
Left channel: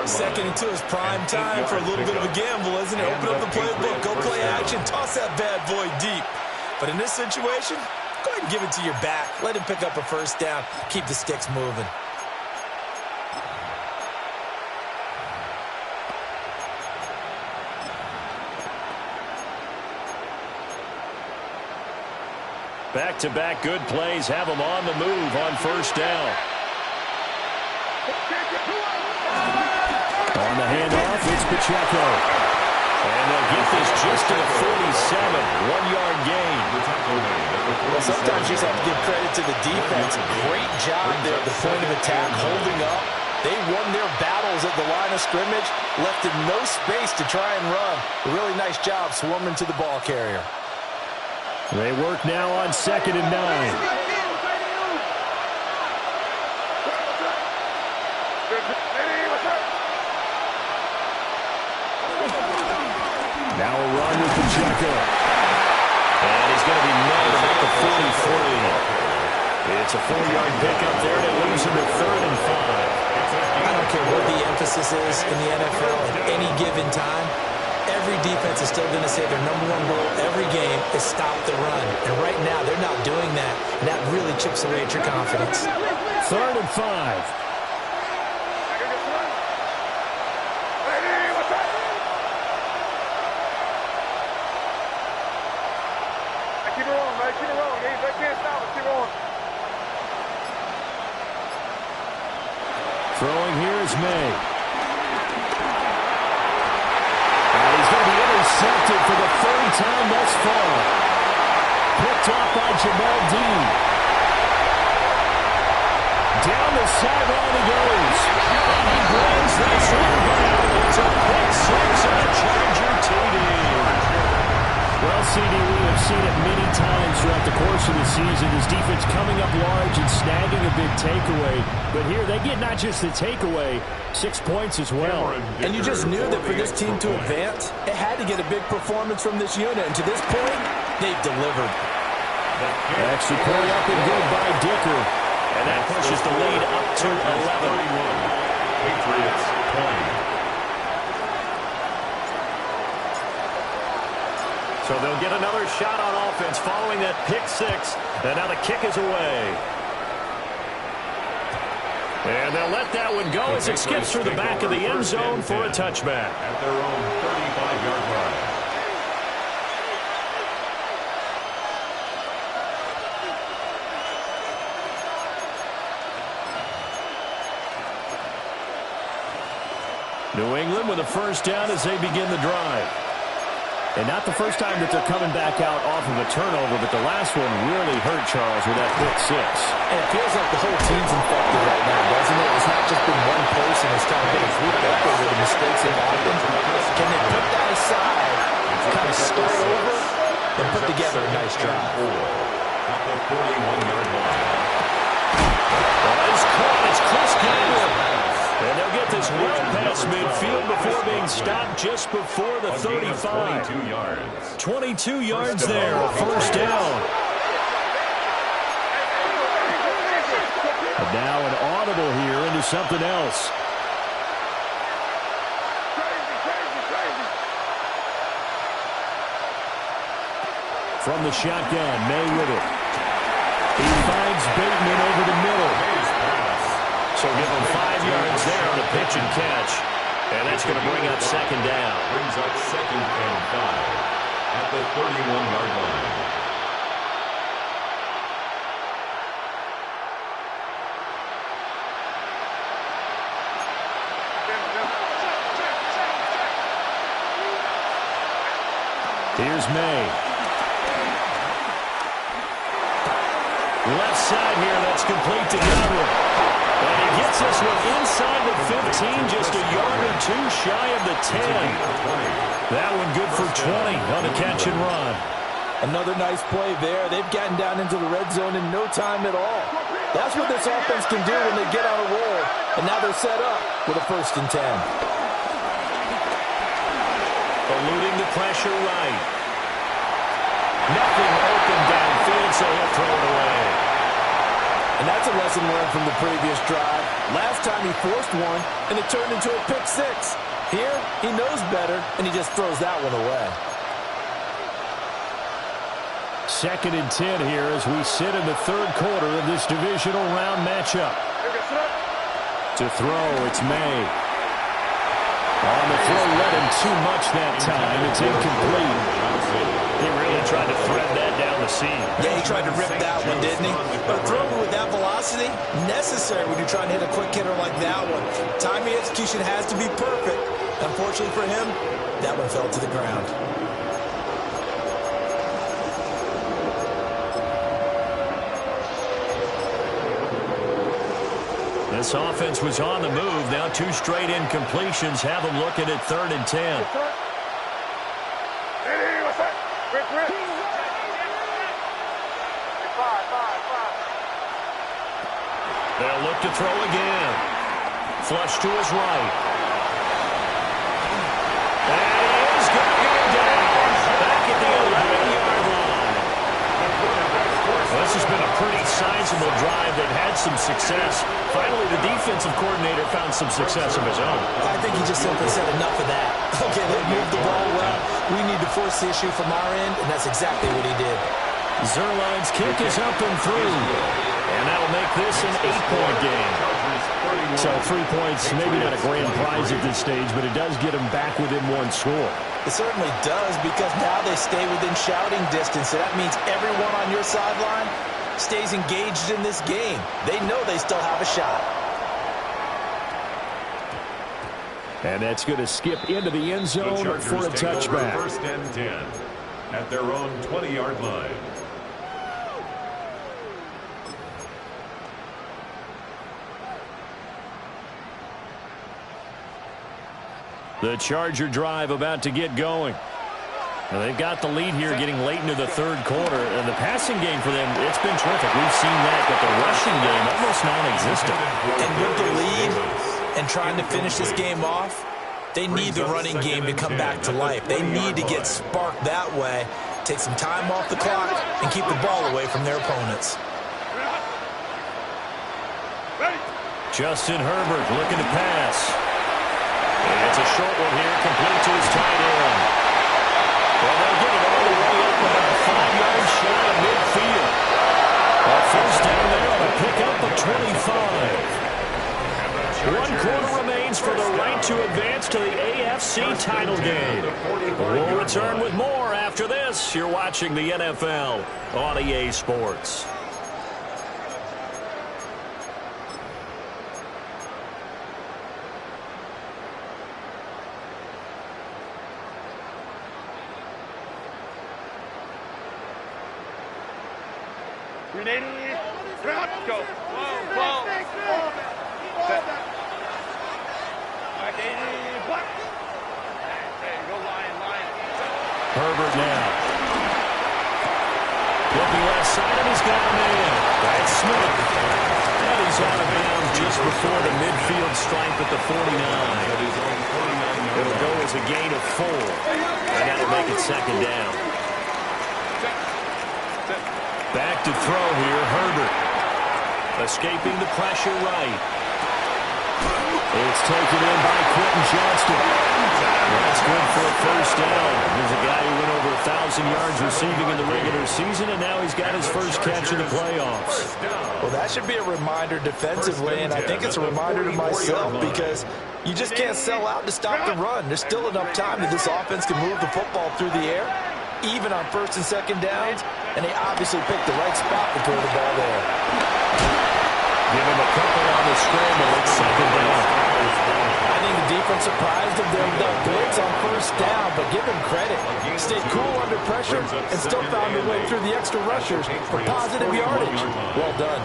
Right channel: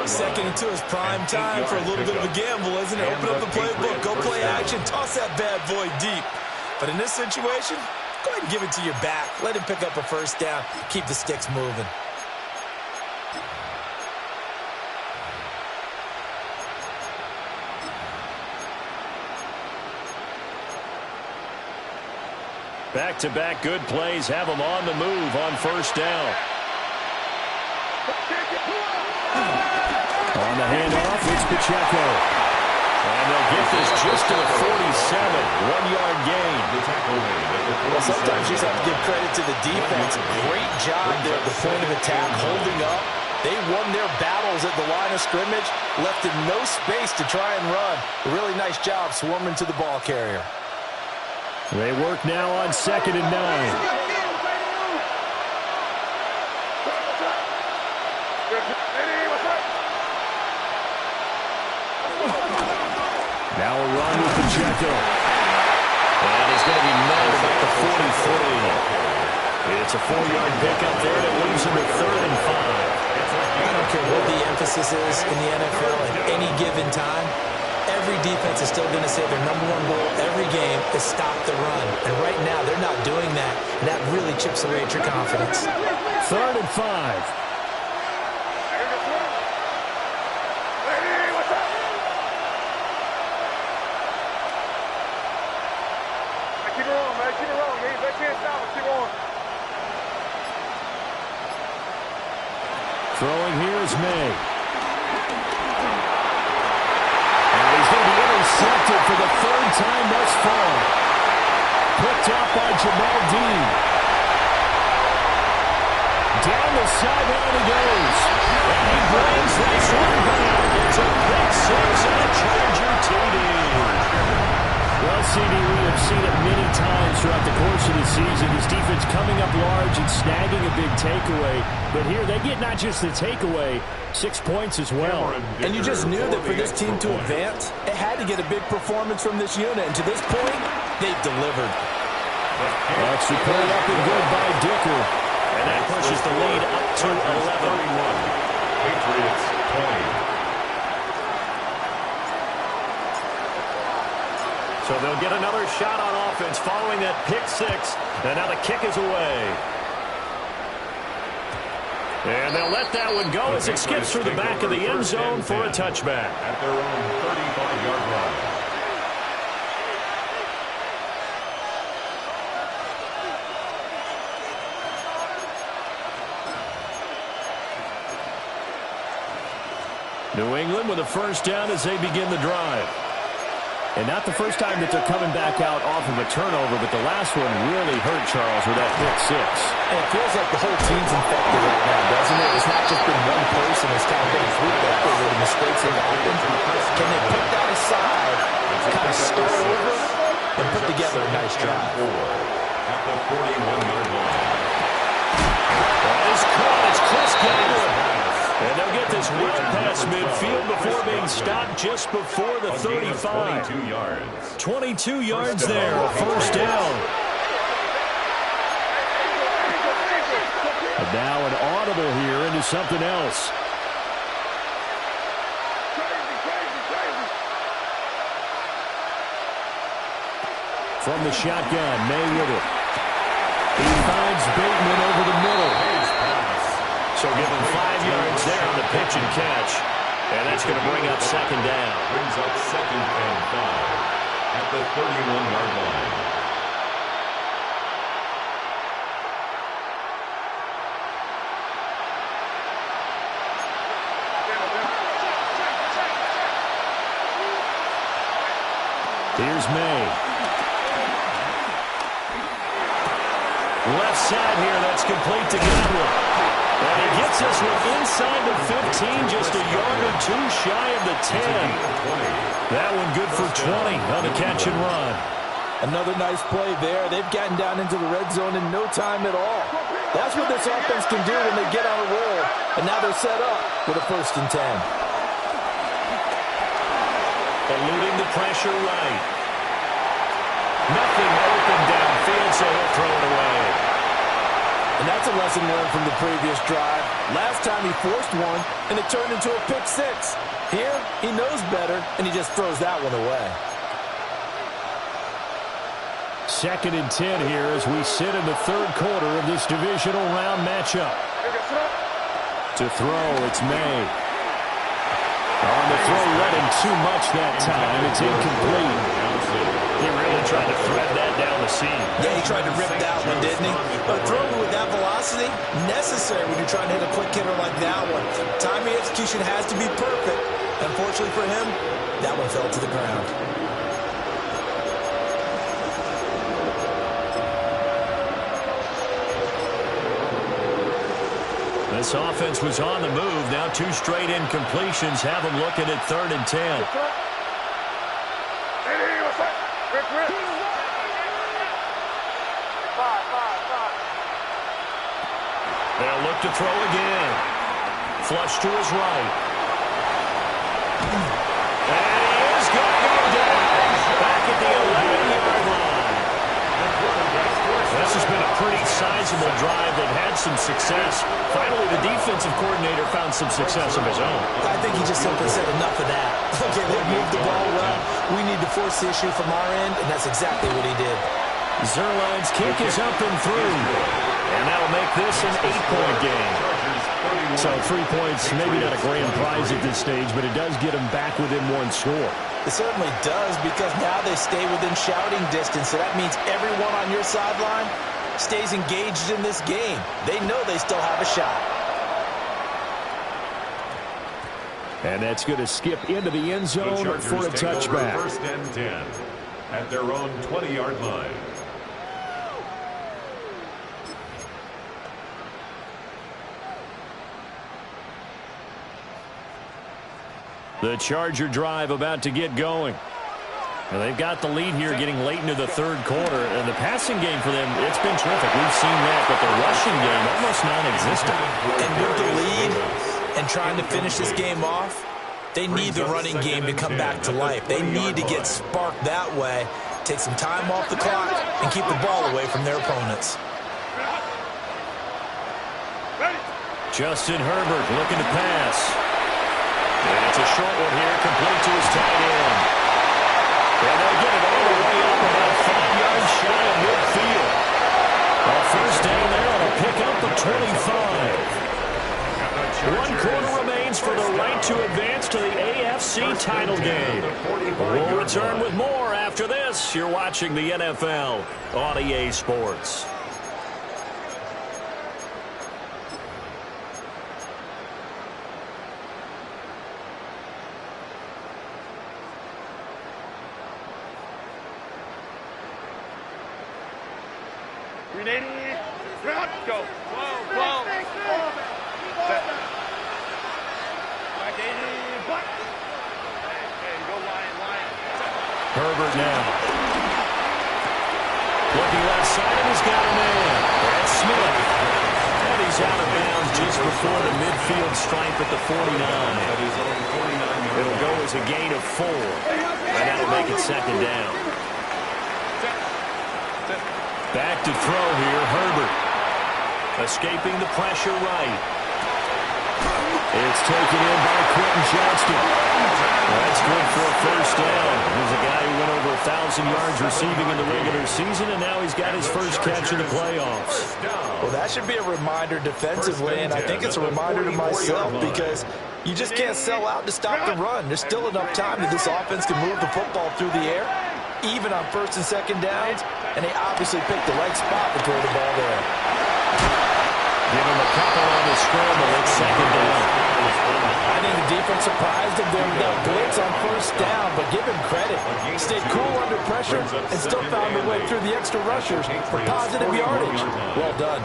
2nd and 2 is prime time for a little bit of a gamble, isn't it? Open up the playbook, go play action, toss that bad boy deep. But in this situation, Go ahead and give it to your back. Let him pick up a first down. Keep the sticks moving. Back-to-back good plays have them on the move on first down. On the handoff, it's Pacheco. And they'll get this just to the 47. 1-yard gain. Well, sometimes you just have to give credit to the defense. Great job there at the point of attack, holding up. They won their battles at the line of scrimmage, left in no space to try and run. A really nice job swarming to the ball carrier. They work now on 2nd and 9. Now a run with Pacheco. And he's going to be met at about the 43. It's a 4-yard pickup there, and it leaves him at 3rd and 5. I don't care what the emphasis is in the NFL at any given time. Every defense is still going to say their number one goal every game is stop the run. And right now, they're not doing that. And that really chips away at your confidence. 3rd and 5. Keep it rolling, man. Keep it rolling. They can't stop it. Keep rolling. Throwing here is May. And he's going to be intercepted for the 3rd time thus far. Picked off by Jamel Dean. Down the sideline he goes. And he brings this one down. It's a pick 6 and a Charger TD. Well, CD, we have seen it many times throughout the course of the season. This defense coming up large and snagging a big takeaway. But here, they get not just the takeaway, 6 points as well. And you just knew that for this team to advance, it had to get a big performance from this unit. And to this point, they've delivered. Extra point up and good by Dicker. And that pushes the lead up to 11. Patriots 20. So they'll get another shot on offense following that pick 6. And now the kick is away. And they'll let that one go as it skips through the back of the end zone for a touchback. At their own 35-yard line. New England with a first down as they begin the drive. And not the first time that they're coming back out off of a turnover, but the last one really hurt Charles with that pick 6. And it feels like the whole team's infected right now, doesn't it? It's not just been one person. It's kind of been a group effort with the mistakes they've happened. Can they put that aside, kind of start over, and put together a nice drive? At the 41-yard line. That is caught. It's Chris Godwin. And they'll get this well past midfield before being stopped just before the 35. 22 yards. 22 yards there, a first down. And now an audible here into something else. From the shotgun, May with it. He finds Bateman over the middle. So give him 5 yards there on the pitch and catch. And that's going to bring up 2nd down. Brings up 2nd and 5 at the 31-yard line. Here's May. Left side here, that's complete to Godwin. And he gets this one inside the 15, just a yard or 2 shy of the 10. That one good for 20 on the catch and run. Another nice play there. They've gotten down into the red zone in no time at all. That's what this offense can do when they get on a roll. And now they're set up with a 1st and 10. Eluding the pressure right. Nothing open downfield, so he'll throw it away. And that's a lesson learned from the previous drive. Last time he forced one, and it turned into a pick 6. Here, he knows better, and he just throws that one away. 2nd and 10 here as we sit in the 3rd quarter of this divisional round matchup. To throw, it's May. On the throw, led him too much that time. It's incomplete. He really tried to thread that down the seam. Yeah, he tried to rip that one, didn't he? But throwing with that velocity, necessary when you're trying to hit a quick hitter like that one. Timing execution has to be perfect. Unfortunately for him, that one fell to the ground. This offense was on the move. Now 2 straight incompletions have them looking at 3rd and 10. They'll look to throw again. Flush to his right. And he is going to go down. Back at the 11-yard line. Well, this has been a pretty sizable drive. They've had some success. Finally, the defensive coordinator found some success of his own. I think he just simply said enough of that. Okay, they've moved the ball well. We need to force the issue from our end, and that's exactly what he did. Zuerlein's kick is up and through. And that'll make this an 8-point game. So 3 points, maybe not a grand prize at this stage, but it does get them back within 1 score. It certainly does, because now they stay within shouting distance. So that means everyone on your sideline stays engaged in this game. They know they still have a shot. And that's going to skip into the end zone for a touchback. 1st and 10 at their own 20-yard line. The Charger drive about to get going. And they've got the lead here getting late into the 3rd quarter. And the passing game for them, it's been terrific. We've seen that, but the rushing game almost non-existent. And with the lead and trying to finish this game off, they need the running game to come back to life. They need to get sparked that way, take some time off the clock, and keep the ball away from their opponents. Justin Herbert looking to pass. And it's a short one here, complete to his tight end. And they'll get it all the way up about 5 yards shy of midfield. A 1st down there on a pickup of 25. 1 quarter remains for the right to advance to the AFC title game. We'll return with more after this. You're watching the NFL on EA Sports. Grenade. Go. Whoa. Set. Back 80. Block. Hey, go Lion. Set. Herbert now. Looking left side, and he's got a man. Brad Smith. And he's out of bounds just before the midfield stripe at the 49. It'll go as a gain of 4. And that'll make it 2nd down. Back to throw here, Herbert. Escaping the pressure right. It's taken in by Quentin Johnston. That's good for a 1st down. There's a guy who went over 1,000 yards receiving in the regular season, and now he's got his first catch in the playoffs. Well, that should be a reminder defensively, and I think it's a reminder to myself, because you just can't sell out to stop the run. There's still enough time that this offense can move the football through the air, even on 1st and 2nd downs, and they obviously picked the right spot to throw the ball there. Give him a couple on the scramble. It's 2nd down. I think the defense surprised him there with that blitz on 1st down, but give him credit. Stayed cool under pressure and still found a way through the extra rushers for positive yardage. Well done.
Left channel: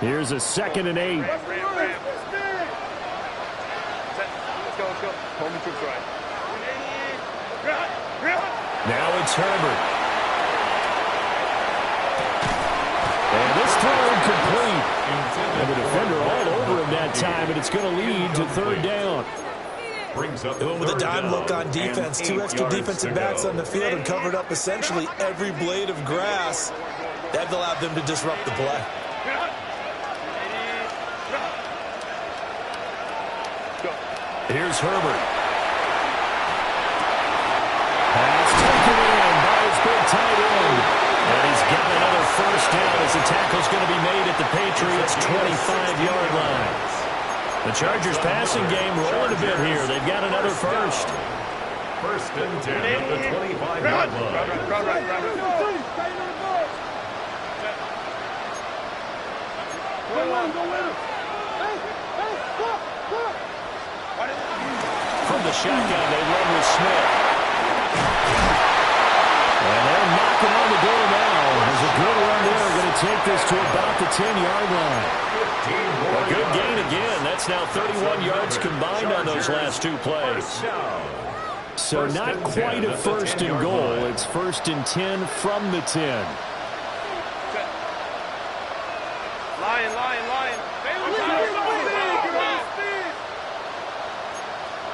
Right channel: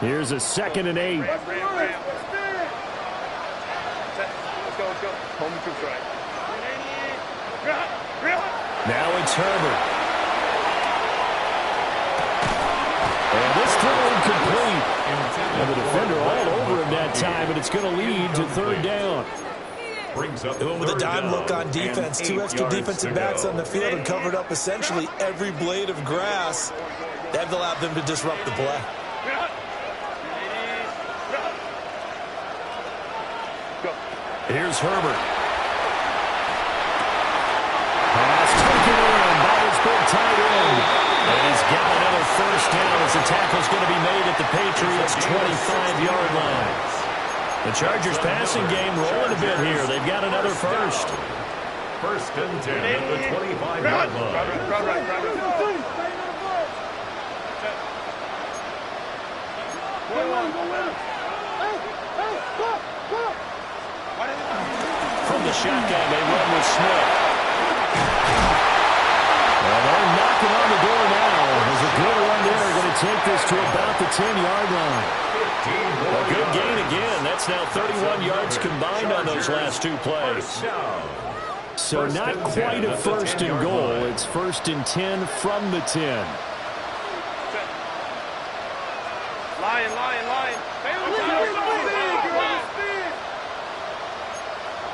Here's a 2nd and 8. Let's go. Home and troops right. Now it's Herbert. And this throw incomplete. And the defender all over him that time, and it's going to lead to 3rd down. They went with a dime look on defense. 2 extra defensive backs on the field and covered up essentially every blade of grass. That allowed them to disrupt the play. Here's Herbert. tight end. And he's got another first down as the tackle's going to be made at the Patriots' 25-yard line. The Chargers passing game rolling a bit here. They've got another first. First and 10 at the 25-yard line. From the shotgun, they run with Smith. And they're knocking on the door now. There's a good run there. Going to take this to about the 10-yard line. A good gain again. That's now 31 yards combined on those last two plays. So not quite a first and goal. It's first and 10 from the 10. Lion.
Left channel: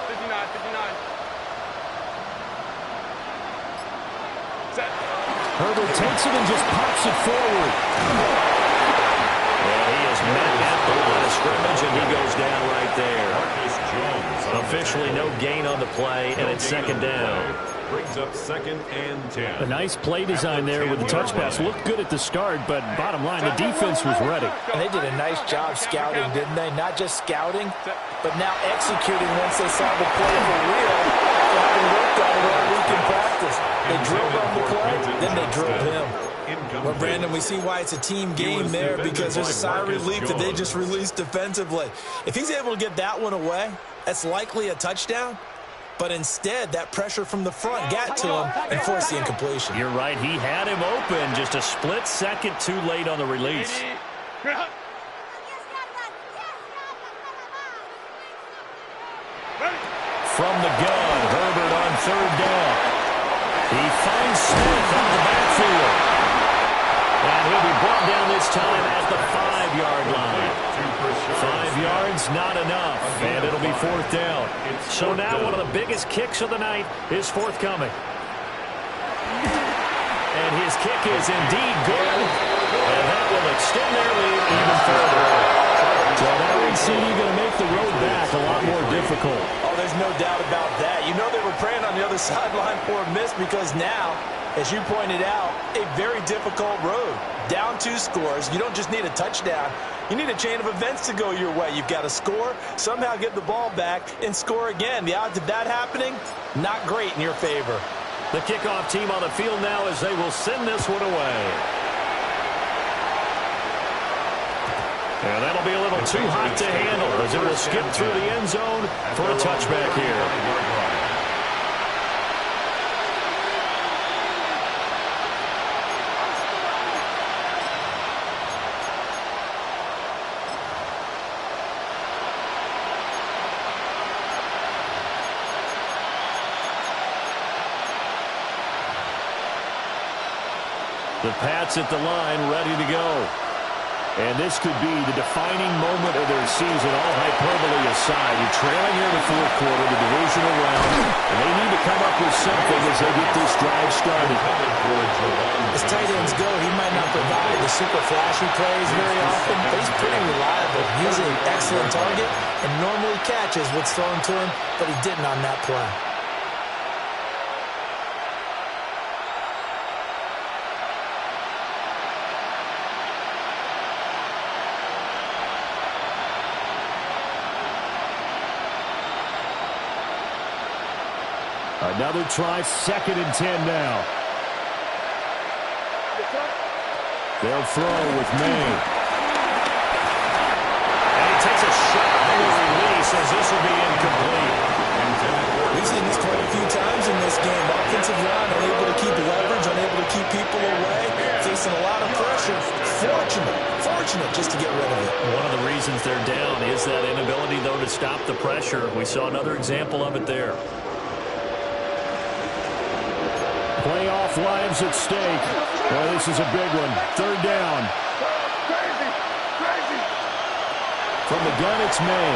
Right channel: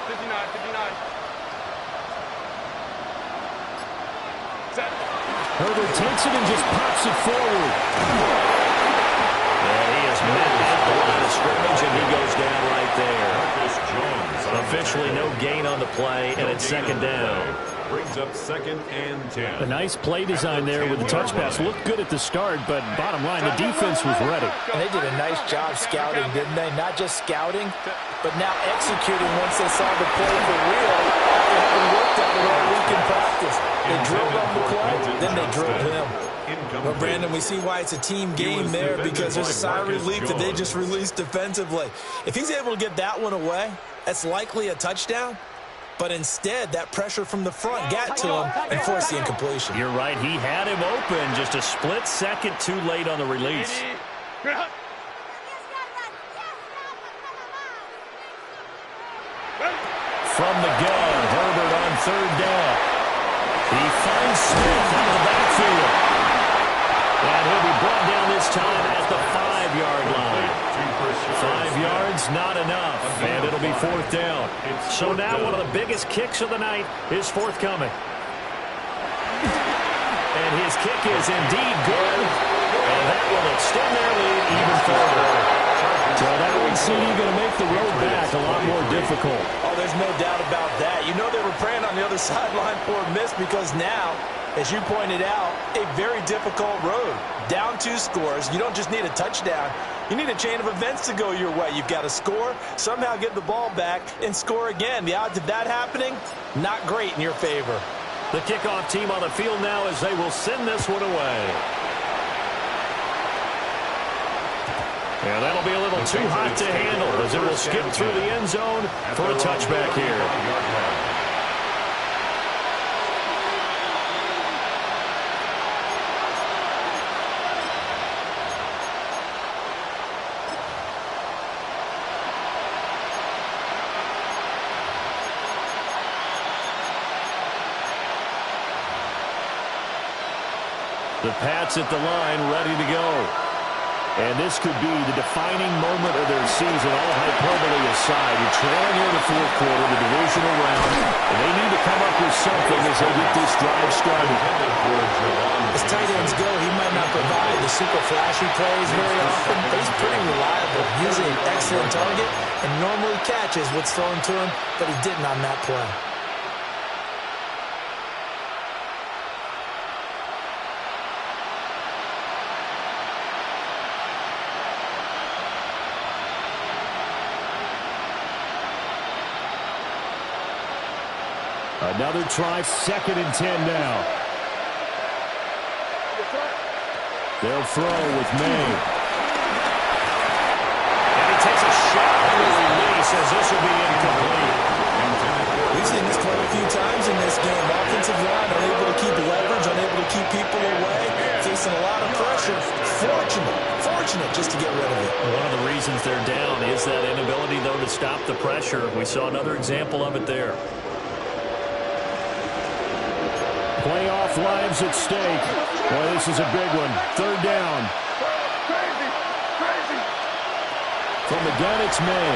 59. Set. Herbert takes it and just pops it forward. And he is met at the line of scrimmage, and he goes down right there. Marcus Jones. Officially no gain on the play, and it's second down. Brings up second and 10. A nice play design there with the touch pass. Looked good at the start, but bottom line, the defense was ready. And they did a nice job scouting, didn't they? Not just scouting, but now executing once they saw the play for real after having worked on it all week in practice. They drilled on the play, then they drilled him. Well, Brandon, we see why it's a team game there, because there's a sigh of relief that they just released defensively. If he's able to get that one away, that's likely a touchdown. But instead, that pressure from the front got to him and forced the incompletion. You're right. He had him open. Just a split second too late on the release. From the gun, Herbert on third down. He finds Smith out of the backfield. And he'll be brought down this time at the 5-yard line. 5 yards, not enough. And it'll be fourth down. So now one of the biggest kicks of the night is forthcoming. And his kick is indeed good. And that will extend their lead even further. So that would seem you're going to make the road back a lot more difficult. Oh, there's no doubt about that. You know they were praying on the other sideline for a miss, because now, as you pointed out, a very difficult road. Down 2 scores. You don't just need a touchdown. You need a chain of events to go your way. You've got to score, somehow get the ball back, and score again. The odds of that happening, not great in your favor. The kickoff team on the field now as they will send this one away. And that'll be a little too hot to handle as it will skip through the end zone for a touchback here. The Pats at the line, ready to go. And this could be the defining moment of their season, all hyperbole aside. You're trailing here in the fourth quarter, the divisional round, and they need to come up with something as they get this drive started. As tight ends go, he might not provide the super flashy plays very often, but he's pretty reliable. Usually an excellent target and normally catches what's thrown to him, but he didn't on that play. Another try, second and 10 now. They'll throw with May. And he takes a shot on the release as this will be incomplete. We've seen this quite a few times in this game. Offensive line unable to keep leverage, unable to keep people away, facing a lot of pressure. Fortunate just to get rid of it. One of the reasons they're down is that inability, though, to stop the pressure. We saw another example of it there. Playoff lives at stake. Boy, this is a big one. Third down. From the gun, it's May.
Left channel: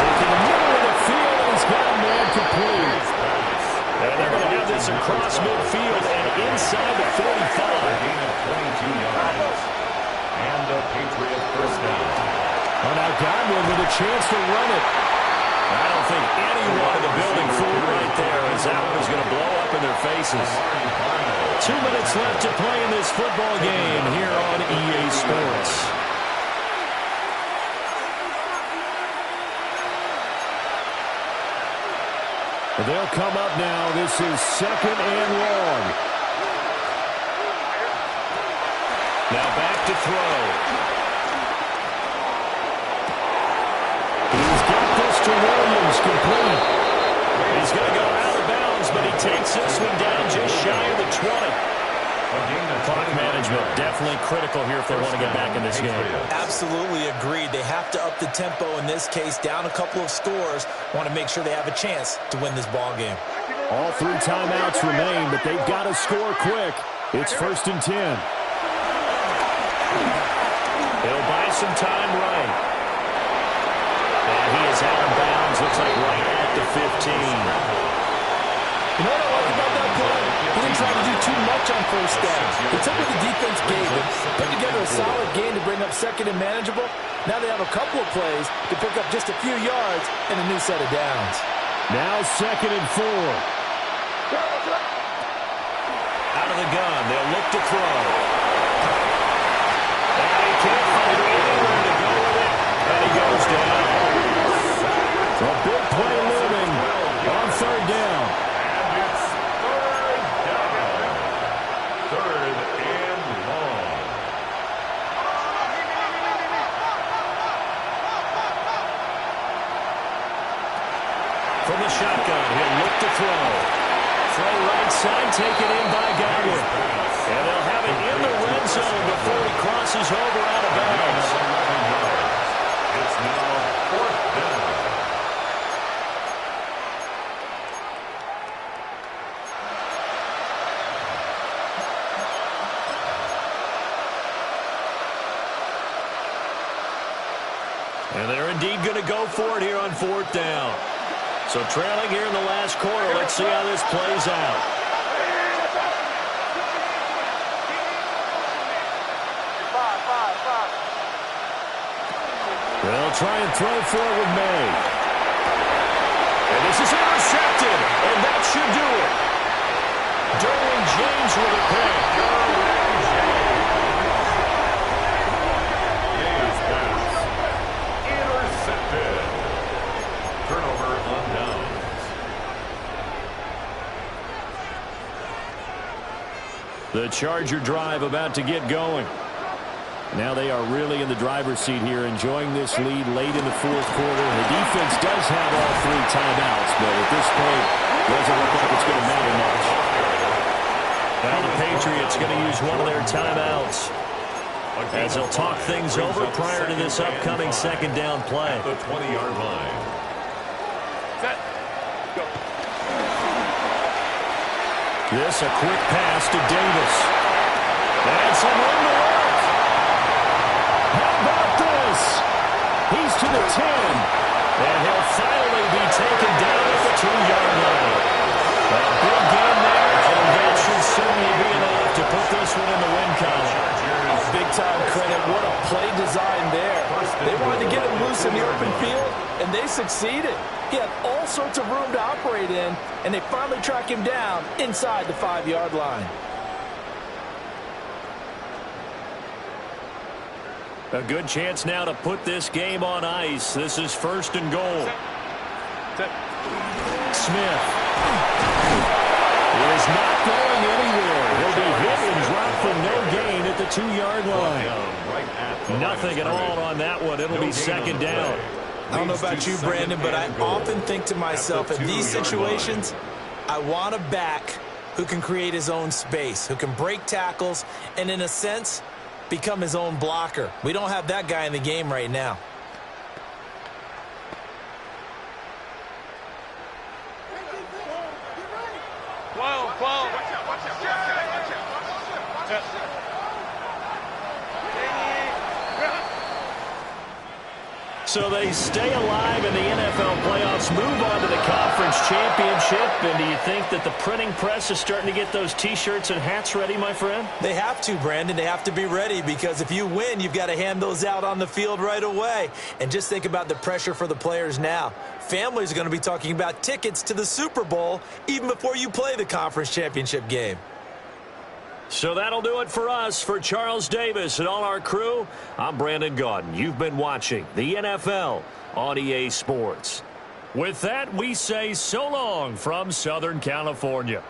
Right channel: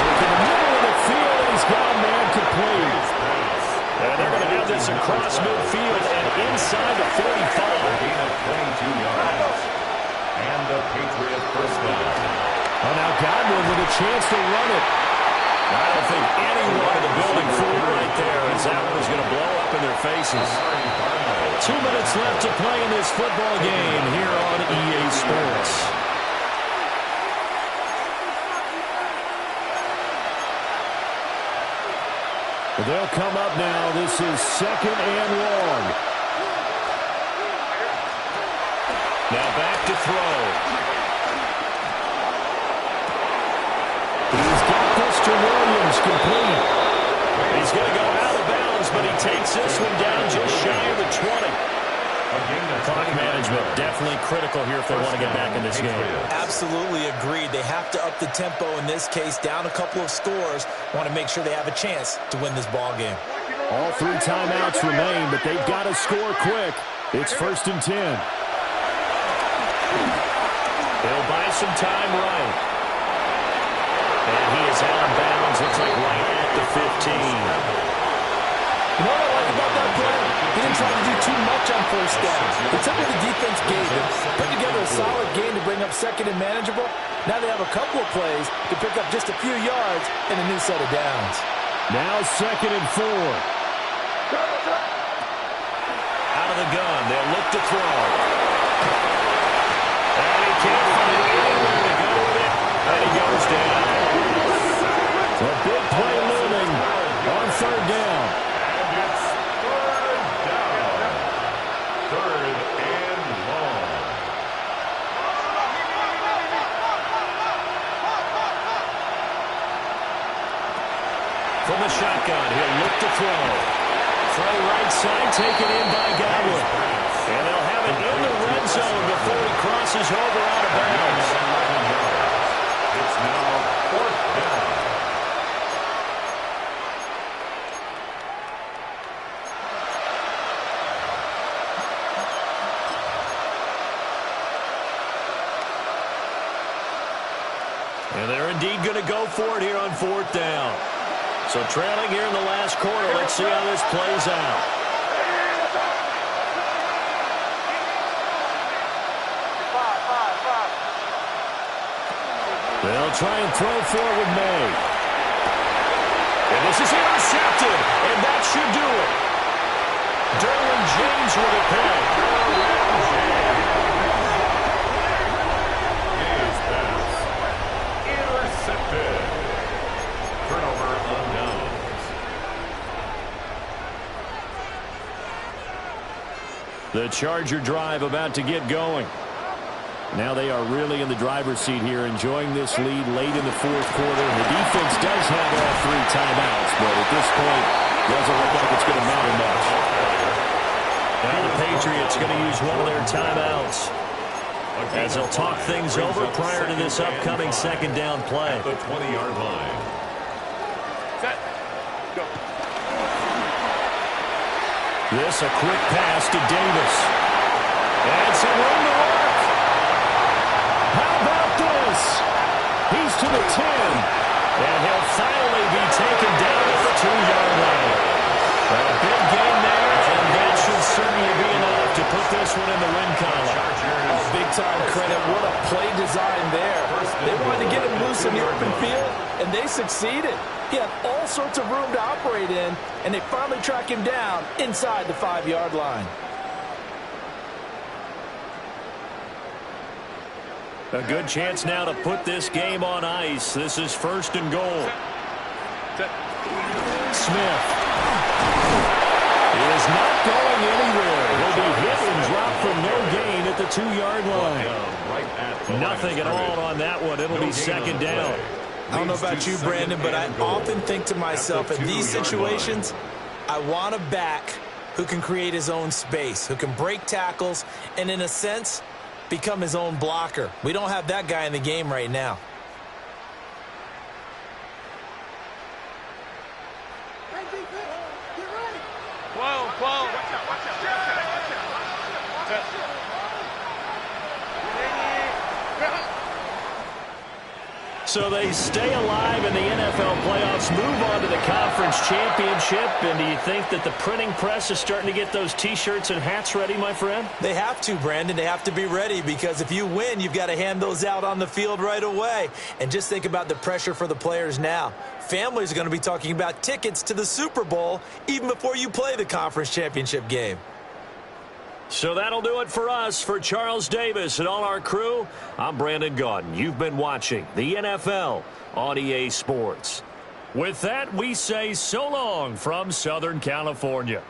Work in the middle of the field, and he's got a man complete. And they're going to have this across midfield and inside the 45. Gain of 22 yards. And a Patriot first down. Oh, now Godwin with a chance to run it. I don't think anyone in the building fooled right there, as that one is going to blow up in their faces. 2 minutes left to play in this football game here on EA Sports. They'll come up now. This is 2nd and long. Now back to throw. He's got this to Williams, complete. He's going to go out of bounds, but he takes this one down just shy of the 20. Clock management definitely critical here if they want to get back in this game. Absolutely agreed. They have to up the tempo in this case, down a couple of scores. Want to make sure they have a chance to win this ball game. All 3 timeouts remain, but they've got to score quick. It's 1st and 10. He'll buy some time right. And he is out of bounds, looks like right at the 15. You know what I like about that play? He didn't try to do too much on first down. He took what the defense gave him, put together a solid game to bring up 2nd and manageable. Now they have a couple of plays to pick up just a few yards and a new set of downs. Now 2nd and 4. Out of the gun, they'll look to throw. And he can't find anywhere to go with it, and he goes down. A big play looming on 3rd down. And it's 3rd down. 3rd and long. From the shotgun, he'll look to throw. Throw right side, taken in by Godwin. And they'll have it in the red zone before he crosses over out of bounds. It's now 4th down. And they're indeed going to go for it here on 4th down. So trailing here in the last quarter, let's see how this plays out. They'll try and throw for it with May. And this is intercepted, and that should do it. Derwin James with a pick. Derwin James. May's pass. Intercepted. Turnover on downs. The Charger drive about to get going. Now they are really in the driver's seat here, enjoying this lead late in the 4th quarter. The defense does have all 3 timeouts, but at this point, doesn't look like it's going to matter much. Now the Patriots going to use one of their timeouts as they'll talk things over prior to this upcoming 2nd down play. At the 20-yard line. Set. Go. This a quick pass to Davis. And some room to work. How about this? He's to the 10. And he'll finally be taken down at the 2-yard line. A big game there, and that should certainly be enough to put this one in the win column. Oh, big-time credit. What a play design there. They wanted to get him loose in the open field, and they succeeded. He had all sorts of room to operate in, and they finally track him down inside the 5-yard line. A good chance now to put this game on ice. This is 1st and goal. Set. Smith is not going anywhere. He'll be hit and dropped for no gain at the 2-yard line. Nothing at all on that one. It'll be 2nd down. I don't know about you, Brandon, but I often think to myself, in these situations, I want a back who can create his own space, who can break tackles, and in a sense, become his own blocker. We don't have that guy in the game right now. Whoa. Watch out. Set. So they stay alive in the NFL playoffs, move on to the conference championship. And do you think that the printing press is starting to get those T-shirts and hats ready, my friend? They have to, Brandon. They have to be ready because if you win, you've got to hand those out on the field right away. And just think about the pressure for the players now. Families are going to be talking about tickets to the Super Bowl even before you play the conference championship game. So that'll do it for us. For Charles Davis and all our crew, I'm Brandon Gaudin. You've been watching the NFL on EA Sports. With that, we say so long from Southern California.